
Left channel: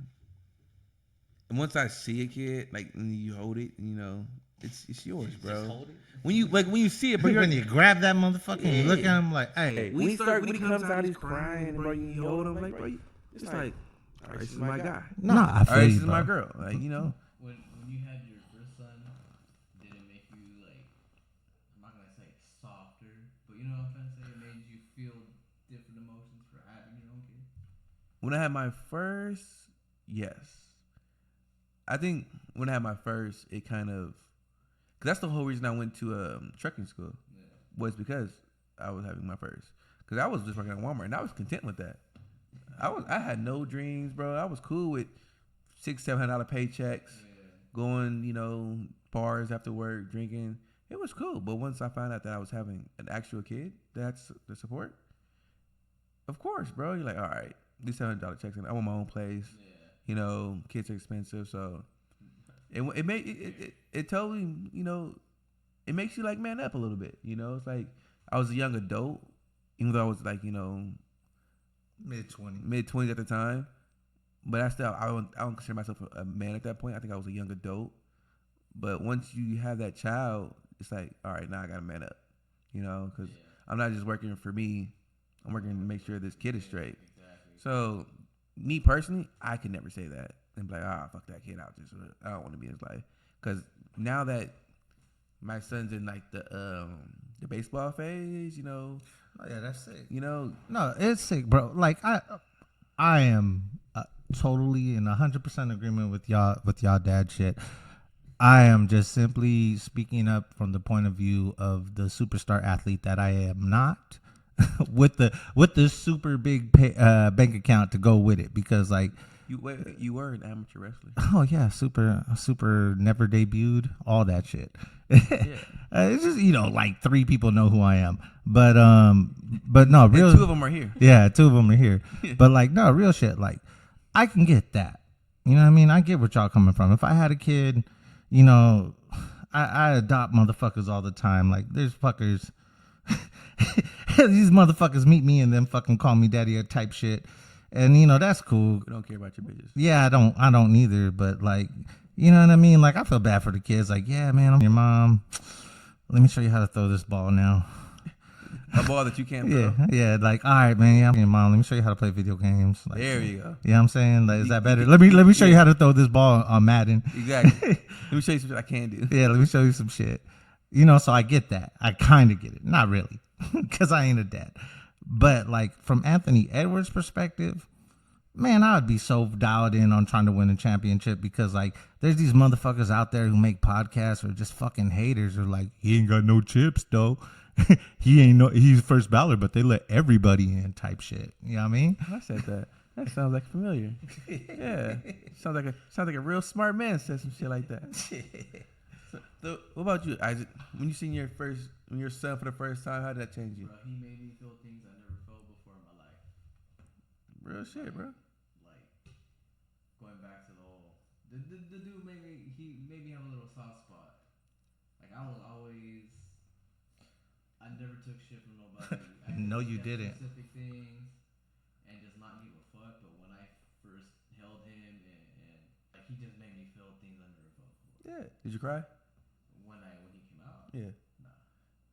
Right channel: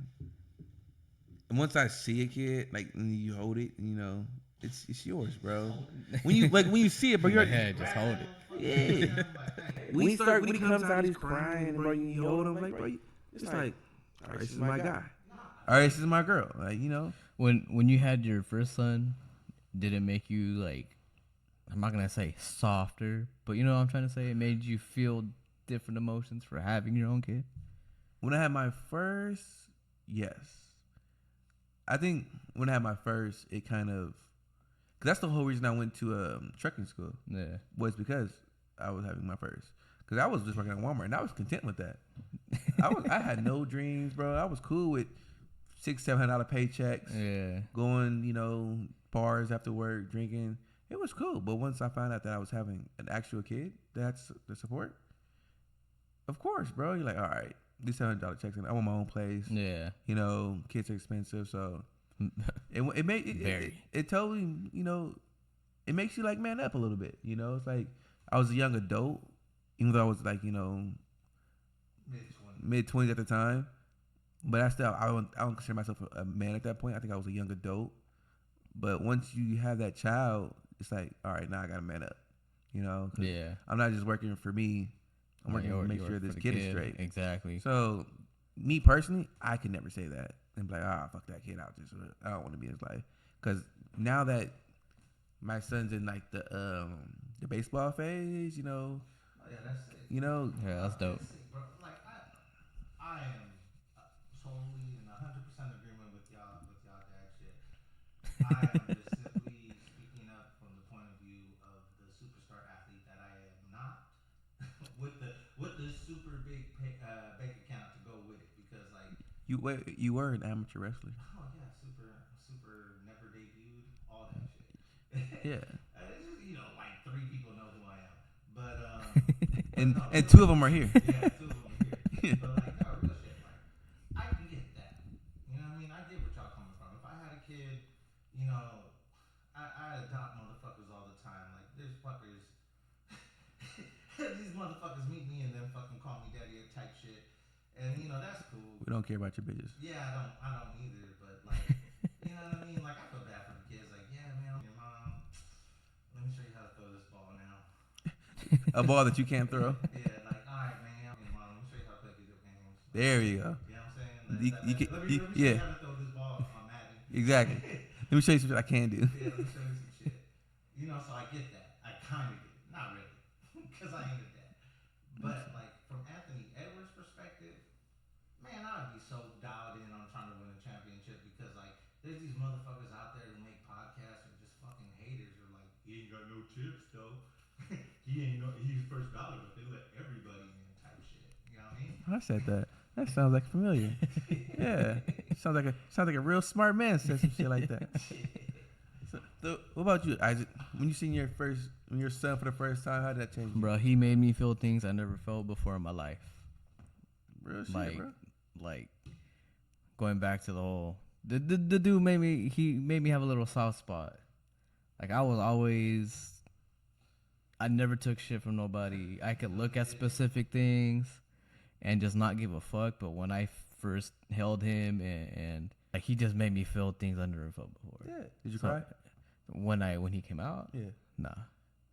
once I see a kid, like, and you hold it, it's yours, bro. When you see it, but you're Grab that motherfucker and look at him like, hey. When he comes out, he's crying, bro. You hold him, like, bro. It's like, all right, this is my guy. Nah, All right, this is my girl. Like, When you had your first son, did it make you, like, I'm not gonna say softer, but you know what I'm trying to say? It made you feel different emotions for having your own kid? when I had my first, yes. I think when I had my first, it kind of, cause that's the whole reason I went to trucking school. Yeah. Was because I was having my first. Cause I was just working at Walmart and I was content with that. I had no dreams, bro. I was cool with $600-700 paychecks. Yeah. Going, bars after work, drinking. It was cool. But once I found out that I was having an actual kid, that's the support. Of course, bro. You're like, all right, these $700 checks, and I want my own place. Yeah. Kids are expensive, so it totally, it makes you like man up a little bit. It's like I was a young adult, even though I was like, mid-20s at the time. But I don't consider myself a man at that point. I think I was a young adult. But once you have that child, it's like, all right, now I got to man up. Because I'm not just working for me. I'm working to make sure this kid is straight. Exactly. So, me personally, I could never say that and be like, fuck that kid out. I don't want to be in his life. Because now that my son's in like the baseball phase, Oh, yeah, that's sick. No, it's sick, bro. Like I am totally in 100% agreement with y'all dad shit. I am just simply speaking up from the point of view of the superstar athlete that I am not, with the super big bank account to go with it, because like you were an amateur wrestler. Oh yeah, super never debuted, all that shit. Yeah, it's just like 3 people know who I am, but no, real, and 2 of them are here. Yeah, 2 of them are here. But like, no, real shit. Like, I can get that. You know what I mean? I get where y'all coming from. If I had a kid, I adopt motherfuckers all the time. Like, there's fuckers. These motherfuckers meet me and then fucking call me daddy or type shit. And that's cool. We don't care about your bitches. Yeah, I don't either. But like, you know what I mean? Like, I feel bad for the kids. Like, yeah, man, I'm your mom. Let me show you how to throw this ball now. A ball that you can't throw. Yeah, like, all right, man, yeah, mom, let me show you how to play video games. Like, There you go. You know what I'm saying? Like, is that better? can- Let me show you yeah. how to throw this ball on Madden. Exactly. Let me show you something I can do. Yeah, let me show you some shit. You know, so I get that. I kind of get it. Not really, because I ain't a dad. But, like, from Anthony Edwards' perspective, man, I would be so dialed in on trying to win a championship because, like, there's these motherfuckers out there who make podcasts or just fucking haters or like, he ain't got no chips, though. He's first ballot, but they let everybody in type shit. You know what I mean? I said that. That sounds like familiar. Yeah. Sounds like a real smart man said some shit like that. So, what about you, Isaac? When you seen your son for the first time, how did that change you? Bro, he made me feel things I never felt before in my life. Real shit, Like, bro. like going back to the whole the dude made me have a little soft spot. Like I never took shit from nobody. I could look at specific things and just not give a fuck. But when I first held him and like he just made me feel things I never felt before. Yeah. Did you cry? When he came out? Yeah. Nah.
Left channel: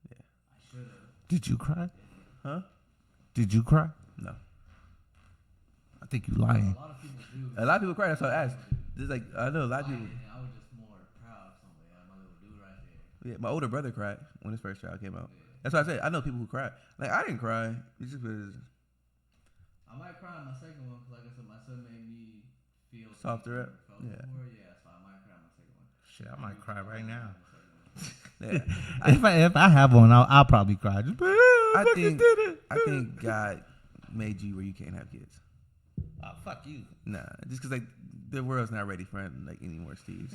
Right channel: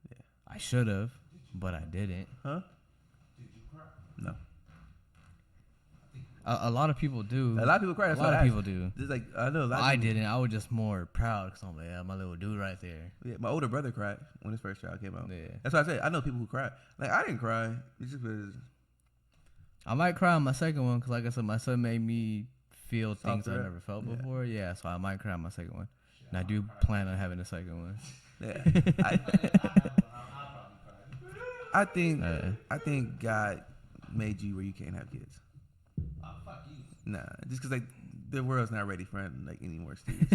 Yeah. I should have. Did you But cry? I didn't. Huh? Did you cry? No. I think you lied. A lot of people do. A lot of people cry. That's A lot what I of asked. people do. Just like I know a lot. Of I people, didn't. I was just more proud because I'm like, yeah, my little dude right there. Yeah, my older brother cried when his first child came out. Yeah. That's what I said. I know people who cry. Like I didn't cry. It's just because I might cry on my second one because, like I said, my son made me feel things I Softer up. never felt Yeah. before. Yeah, so I might cry on my second one. Shit, And I might do cry plan right on now. having a second one. yeah. if I have one, I'll probably cry. Just, I think God made you where you can't have kids. Oh, fuck you. Nah, just because like the world's not ready for like any more Steves.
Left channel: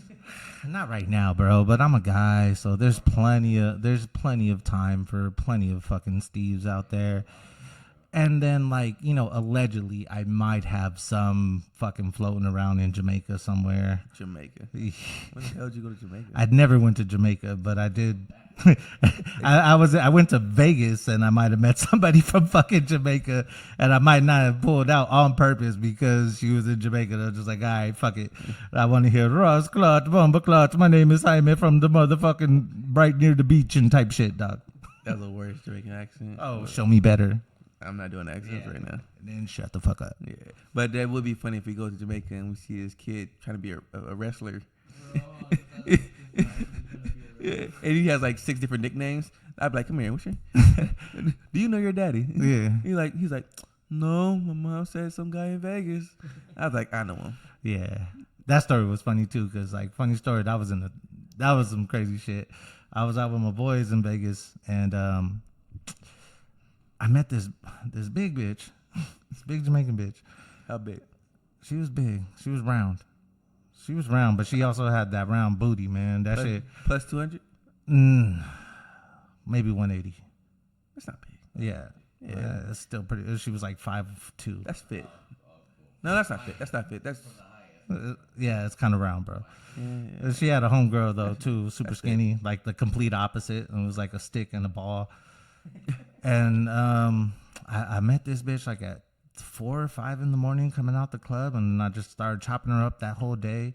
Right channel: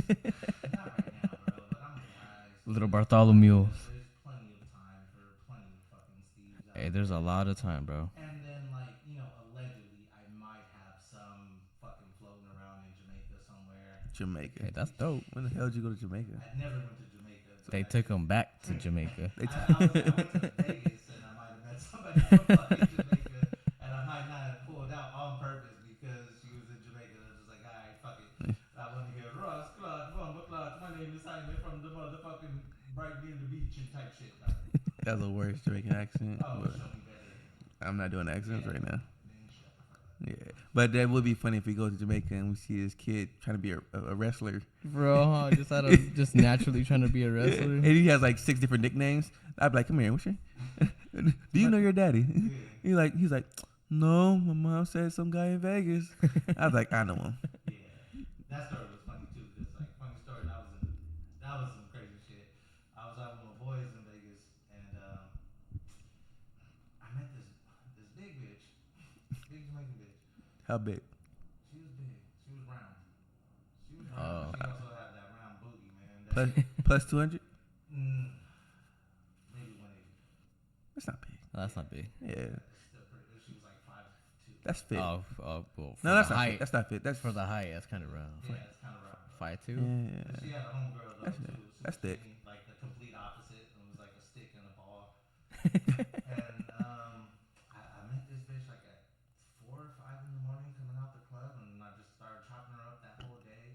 Not right now, bro. But I'm a guy, so Little there's plenty of time for plenty of fucking Steves out Hey, there. there's a lot of time, bro. And then, like, you know, allegedly, I might have some fucking floating around in Jamaica somewhere. Jamaica. Hey, that's dope. When the hell did you go to Jamaica? I never went to Jamaica, but They I took did. them back to Jamaica. I went to Vegas and I might have met somebody from fucking Jamaica, and I might not have pulled out on purpose because she was in Jamaica. I was just like, all right, fuck it. I want to hear Ross Clutch, Bomba Clutch. My name is Jaime from the motherfucking right near the beach and type shit, dog. That was the worst Jamaican accent. Oh, but show me better. I'm not doing accents right now. Then shut the fuck up. Yeah, but that would be funny if we go to Jamaica and we see this kid trying to be a wrestler. Bro, just naturally trying to be a wrestler. And he has like 6 different nicknames. I'd be like, come here, what's your do you know your daddy? Yeah. He's like, no, my mom said some guy in Vegas. I was like, I know him. Yeah, that story was funny too, cause like funny story. That was some crazy shit. I was out with my boys in Vegas, and I met this big bitch, this big Jamaican bitch. How big? She was big. She was round. She was round, but she also had that round booty, man. That shit. Plus 200? Maybe 180. That's not big. That's yeah, not big. Yeah. It's still pretty. She was like 5'2". That's fit. Well, No, that's for the not height- fit. That's not fit. That's for the height. That's kind of round. Yeah, it's kind of round, bro. 5'2". yeah. She had a homegirl though too, super That's skinny, like the complete opposite, and it was like a stick and a ball. And I met this bitch like at 4 or 5 in the morning coming out the club, and I just started chopping her up that whole day.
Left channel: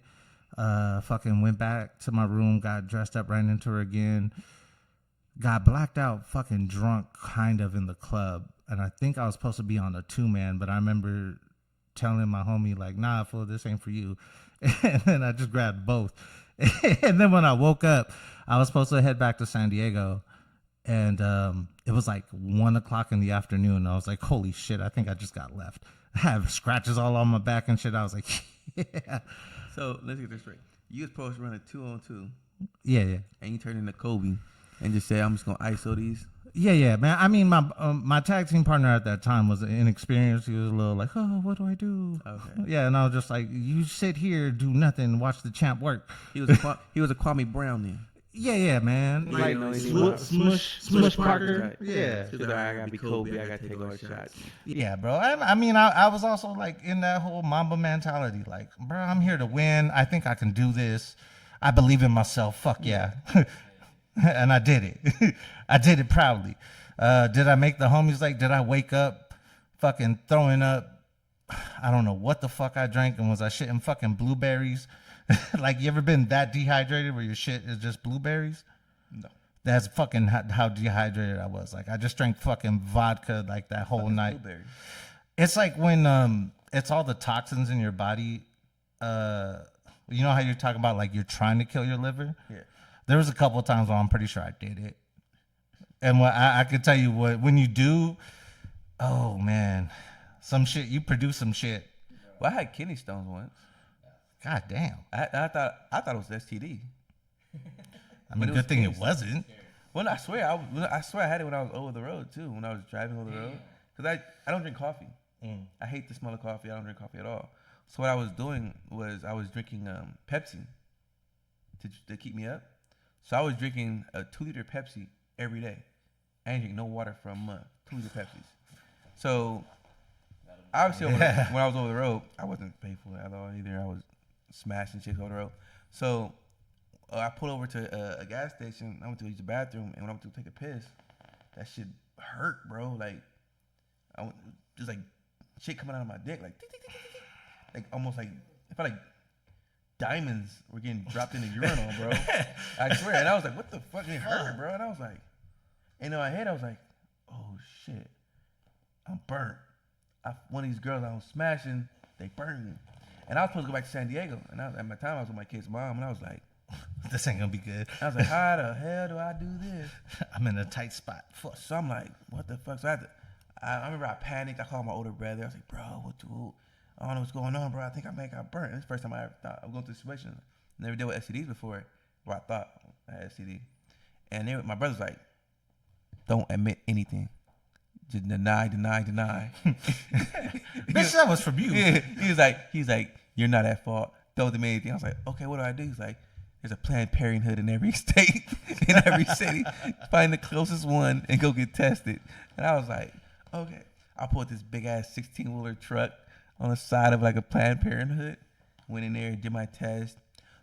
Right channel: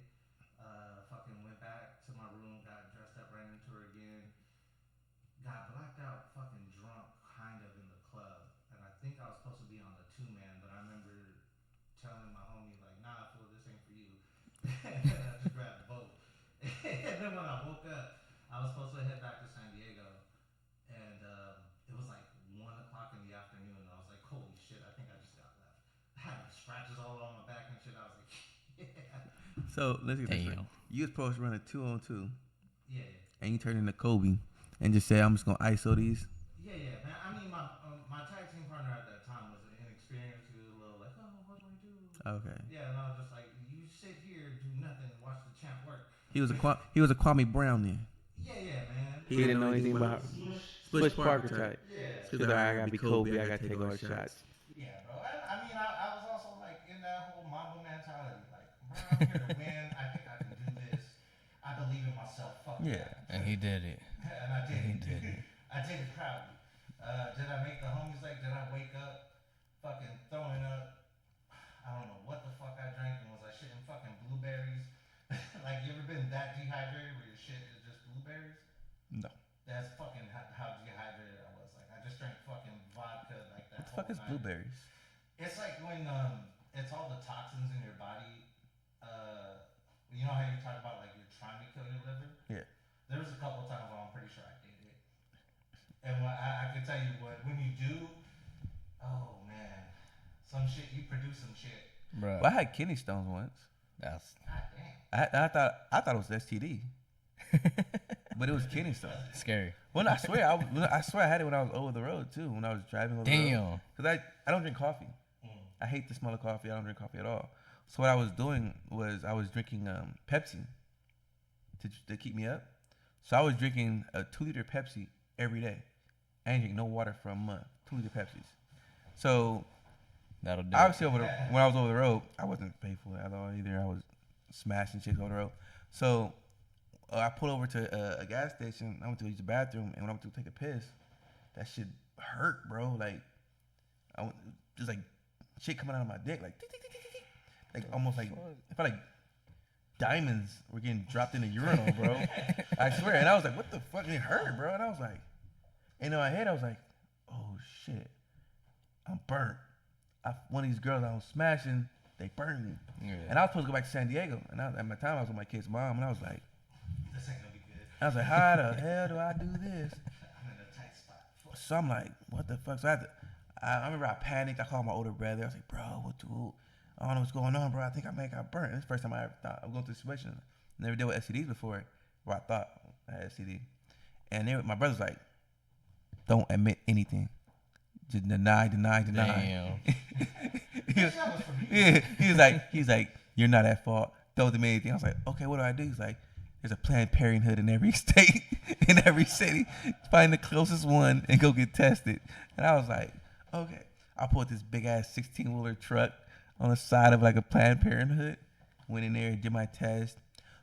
Fucking went back to my room, got dressed up, ran into her again, got blacked out, fucking drunk kind of in the club. And I think I was supposed to be on a 2-man, but I remember telling my homie like, nah, fool, this ain't for you. And then I just grabbed both. And then when I woke up, I was supposed to head back to San Diego. And it was like 1 o'clock in the afternoon. I was like, holy shit, I think I just got left. I have scratches all on my back and shit. I was like, yeah. So let's get this Damn. right. You was supposed to run a 2-on-2, Yeah. and you turned into Kobe, and just said, I'm just gonna ISO these. Yeah, man. I mean, my tag team partner at that time was inexperienced. He was a little like, oh, what do I do? Okay. Yeah, and I was just like, you sit here, do nothing, watch the champ work. He was a Kwame Brown then. Yeah, man. You Like, didn't know anything about Smush Parker. Yeah. He's like, I gotta be Kobe. I gotta take all the shots. Yeah, bro. I mean, I was also like in that whole Mamba mentality. Like, bro, I'm here to win. I think I can do this. I believe in myself. Fuck yeah. He did it. And I did it. I did it proudly. Did I make the homies like, did I wake up fucking throwing up? I don't know what the fuck I drank, and was I shitting fucking blueberries? Like, you ever been that dehydrated where your shit is just blueberries? No. That's fucking how dehydrated I was. Like I just drank fucking vodka like that whole night. Blueberry. It's like when it's all the toxins in your body. You know how you're talking about like you're trying to kill your liver? Yeah. There was a couple of times where I'm pretty sure I did it. And what I could tell you what when you do, oh man, some shit you produce some shit. Bro. Well, I had kidney stones once. God damn. I thought it was STD. But it was thing it wasn't. Scary. Well, I swear I had it when I was over the road too. When I was driving over the road. Because I don't drink coffee. I hate the smell of coffee. I don't drink coffee at all. So what I was doing was I was drinking Pepsi to keep me up. So I was drinking a 2-liter Pepsi every day. I didn't drink no water for a month. 2-liter Pepsis. So That'll do obviously when I was over the road, I wasn't faithful at all either. I was smashing chicks over the road. So I pulled over to a gas station. I went to use the bathroom, and when I went to take a piss, that shit hurt, bro. Like just like shit coming out of my dick, like tick, tick, tick, tick, tick. Like almost like it felt like diamonds were getting dropped in the urinal, bro. I swear. And I was like, what the fuck? It hurt, bro. And I was like, and in my head, I was like, oh shit, I'm burnt. One of these girls I was smashing, they burned me. Yeah. And I was supposed to go back to San Diego. And at my time, I was with my kid's mom, and I was like, this ain't gonna be good. I was like, how the hell do I do this? I'm in a tight spot. Fuck. So I'm like, what the fuck? So I remember I panicked. I called my older brother. I was like, bro, I don't know what's going on, bro. I think I might got burnt. This is the first time I ever thought I was going through a situation. Never dealt with STDs before, where I thought I had STD. And my brother's like, don't admit anything. Just deny. Bitch, that was from you. Yeah, he's like, you're not at fault. Don't admit anything. I was like, okay, what do I do? He's like, there's a Planned Parenthood in every state, in every city. Find the closest one and go get tested. And I was like, okay. I pulled this big ass 16-wheeler truck on the side of like a Planned Parenthood. Went in there, did my test,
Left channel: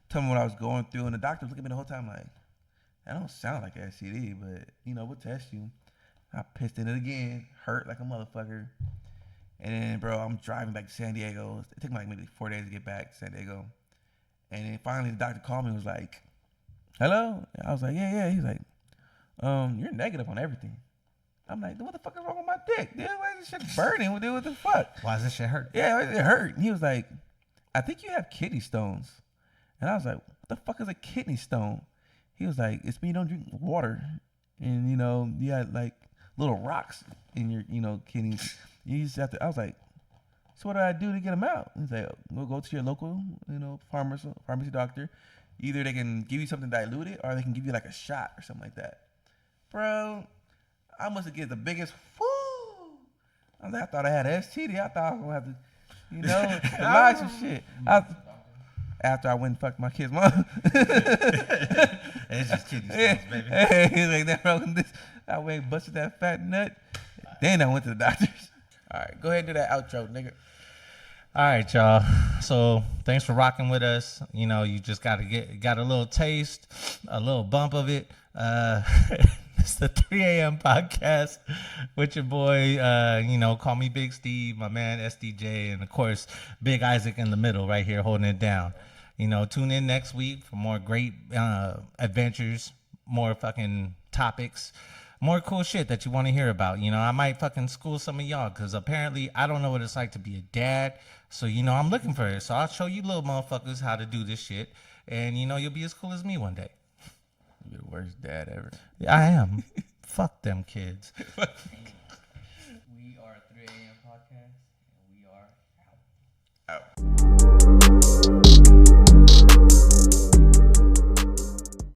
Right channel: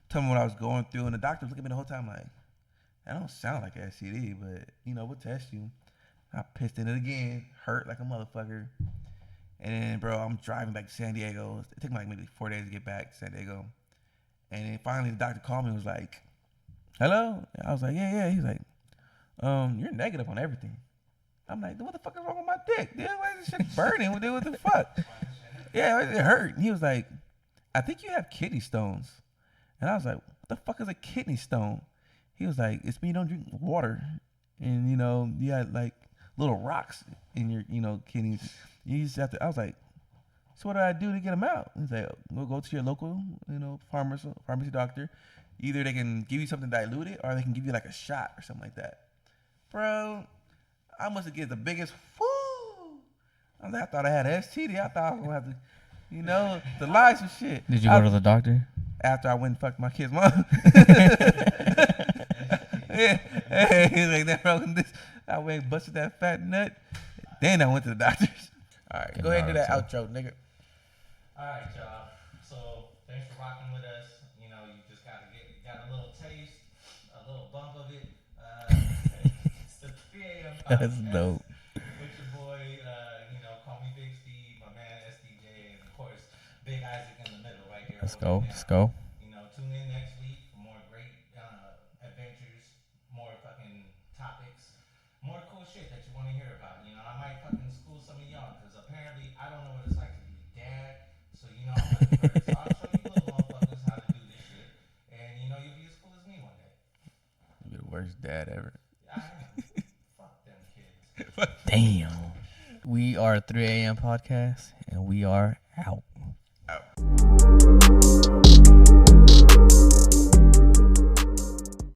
told me what I was going through, and the doctor was looking at me the whole time like, that don't sound like an STD, but we'll test you. I pissed in it again, hurt like a motherfucker. And then, bro, I'm driving back to San Diego. It took me like maybe 4 days to get back to San Diego. And then finally the doctor called me and was like, hello? And I was like, yeah. He's like, you're negative on everything. I'm like, what the fuck is wrong with my dick? Dude, why is this shit burning? What the fuck? Why does this shit hurt? Yeah, why does it hurt? And he was like, I think you have kidney stones. And I was like, what the fuck is a kidney stone? He was like, it's when you don't drink water. And, you had like little rocks in your, kidneys. You just have to, I was like, so what do I do to get them out? He's like, we'll go to your local, pharmacy doctor. Either they can give you something diluted or they can give you like a shot or something like that. Bro, I must have get the biggest whoo. I thought I had an STD. I thought I was going to have to, to lie some shit. Did you go to the doctor? After I went and fucked my kid's mom. Hey, he's like, that wrong with this. I went and busted that fat nut. Then I went to the doctors. All right, go ahead and do that outro, nigga. All right, y'all. So thanks for rocking with us. You just got a little taste, a little bump of it. It's the 3 a.m. podcast with your boy. Call me Big Steve, my man SDJ, and of course Big Isaac in the middle right here holding it down. Let's go. Tune in next week for more great adventures, more fucking topics. More cool shit that you want to hear about. I might fucking school some of y'all because apparently I don't know what it's like to be a dad. So, I'm looking for it. So I'll show you little motherfuckers how to do this shit. And, you'll be as cool as me one day. You're the worst dad ever. I am. Fuck them kids. Damn. We are 3 a.m. podcast, and we are out. Out.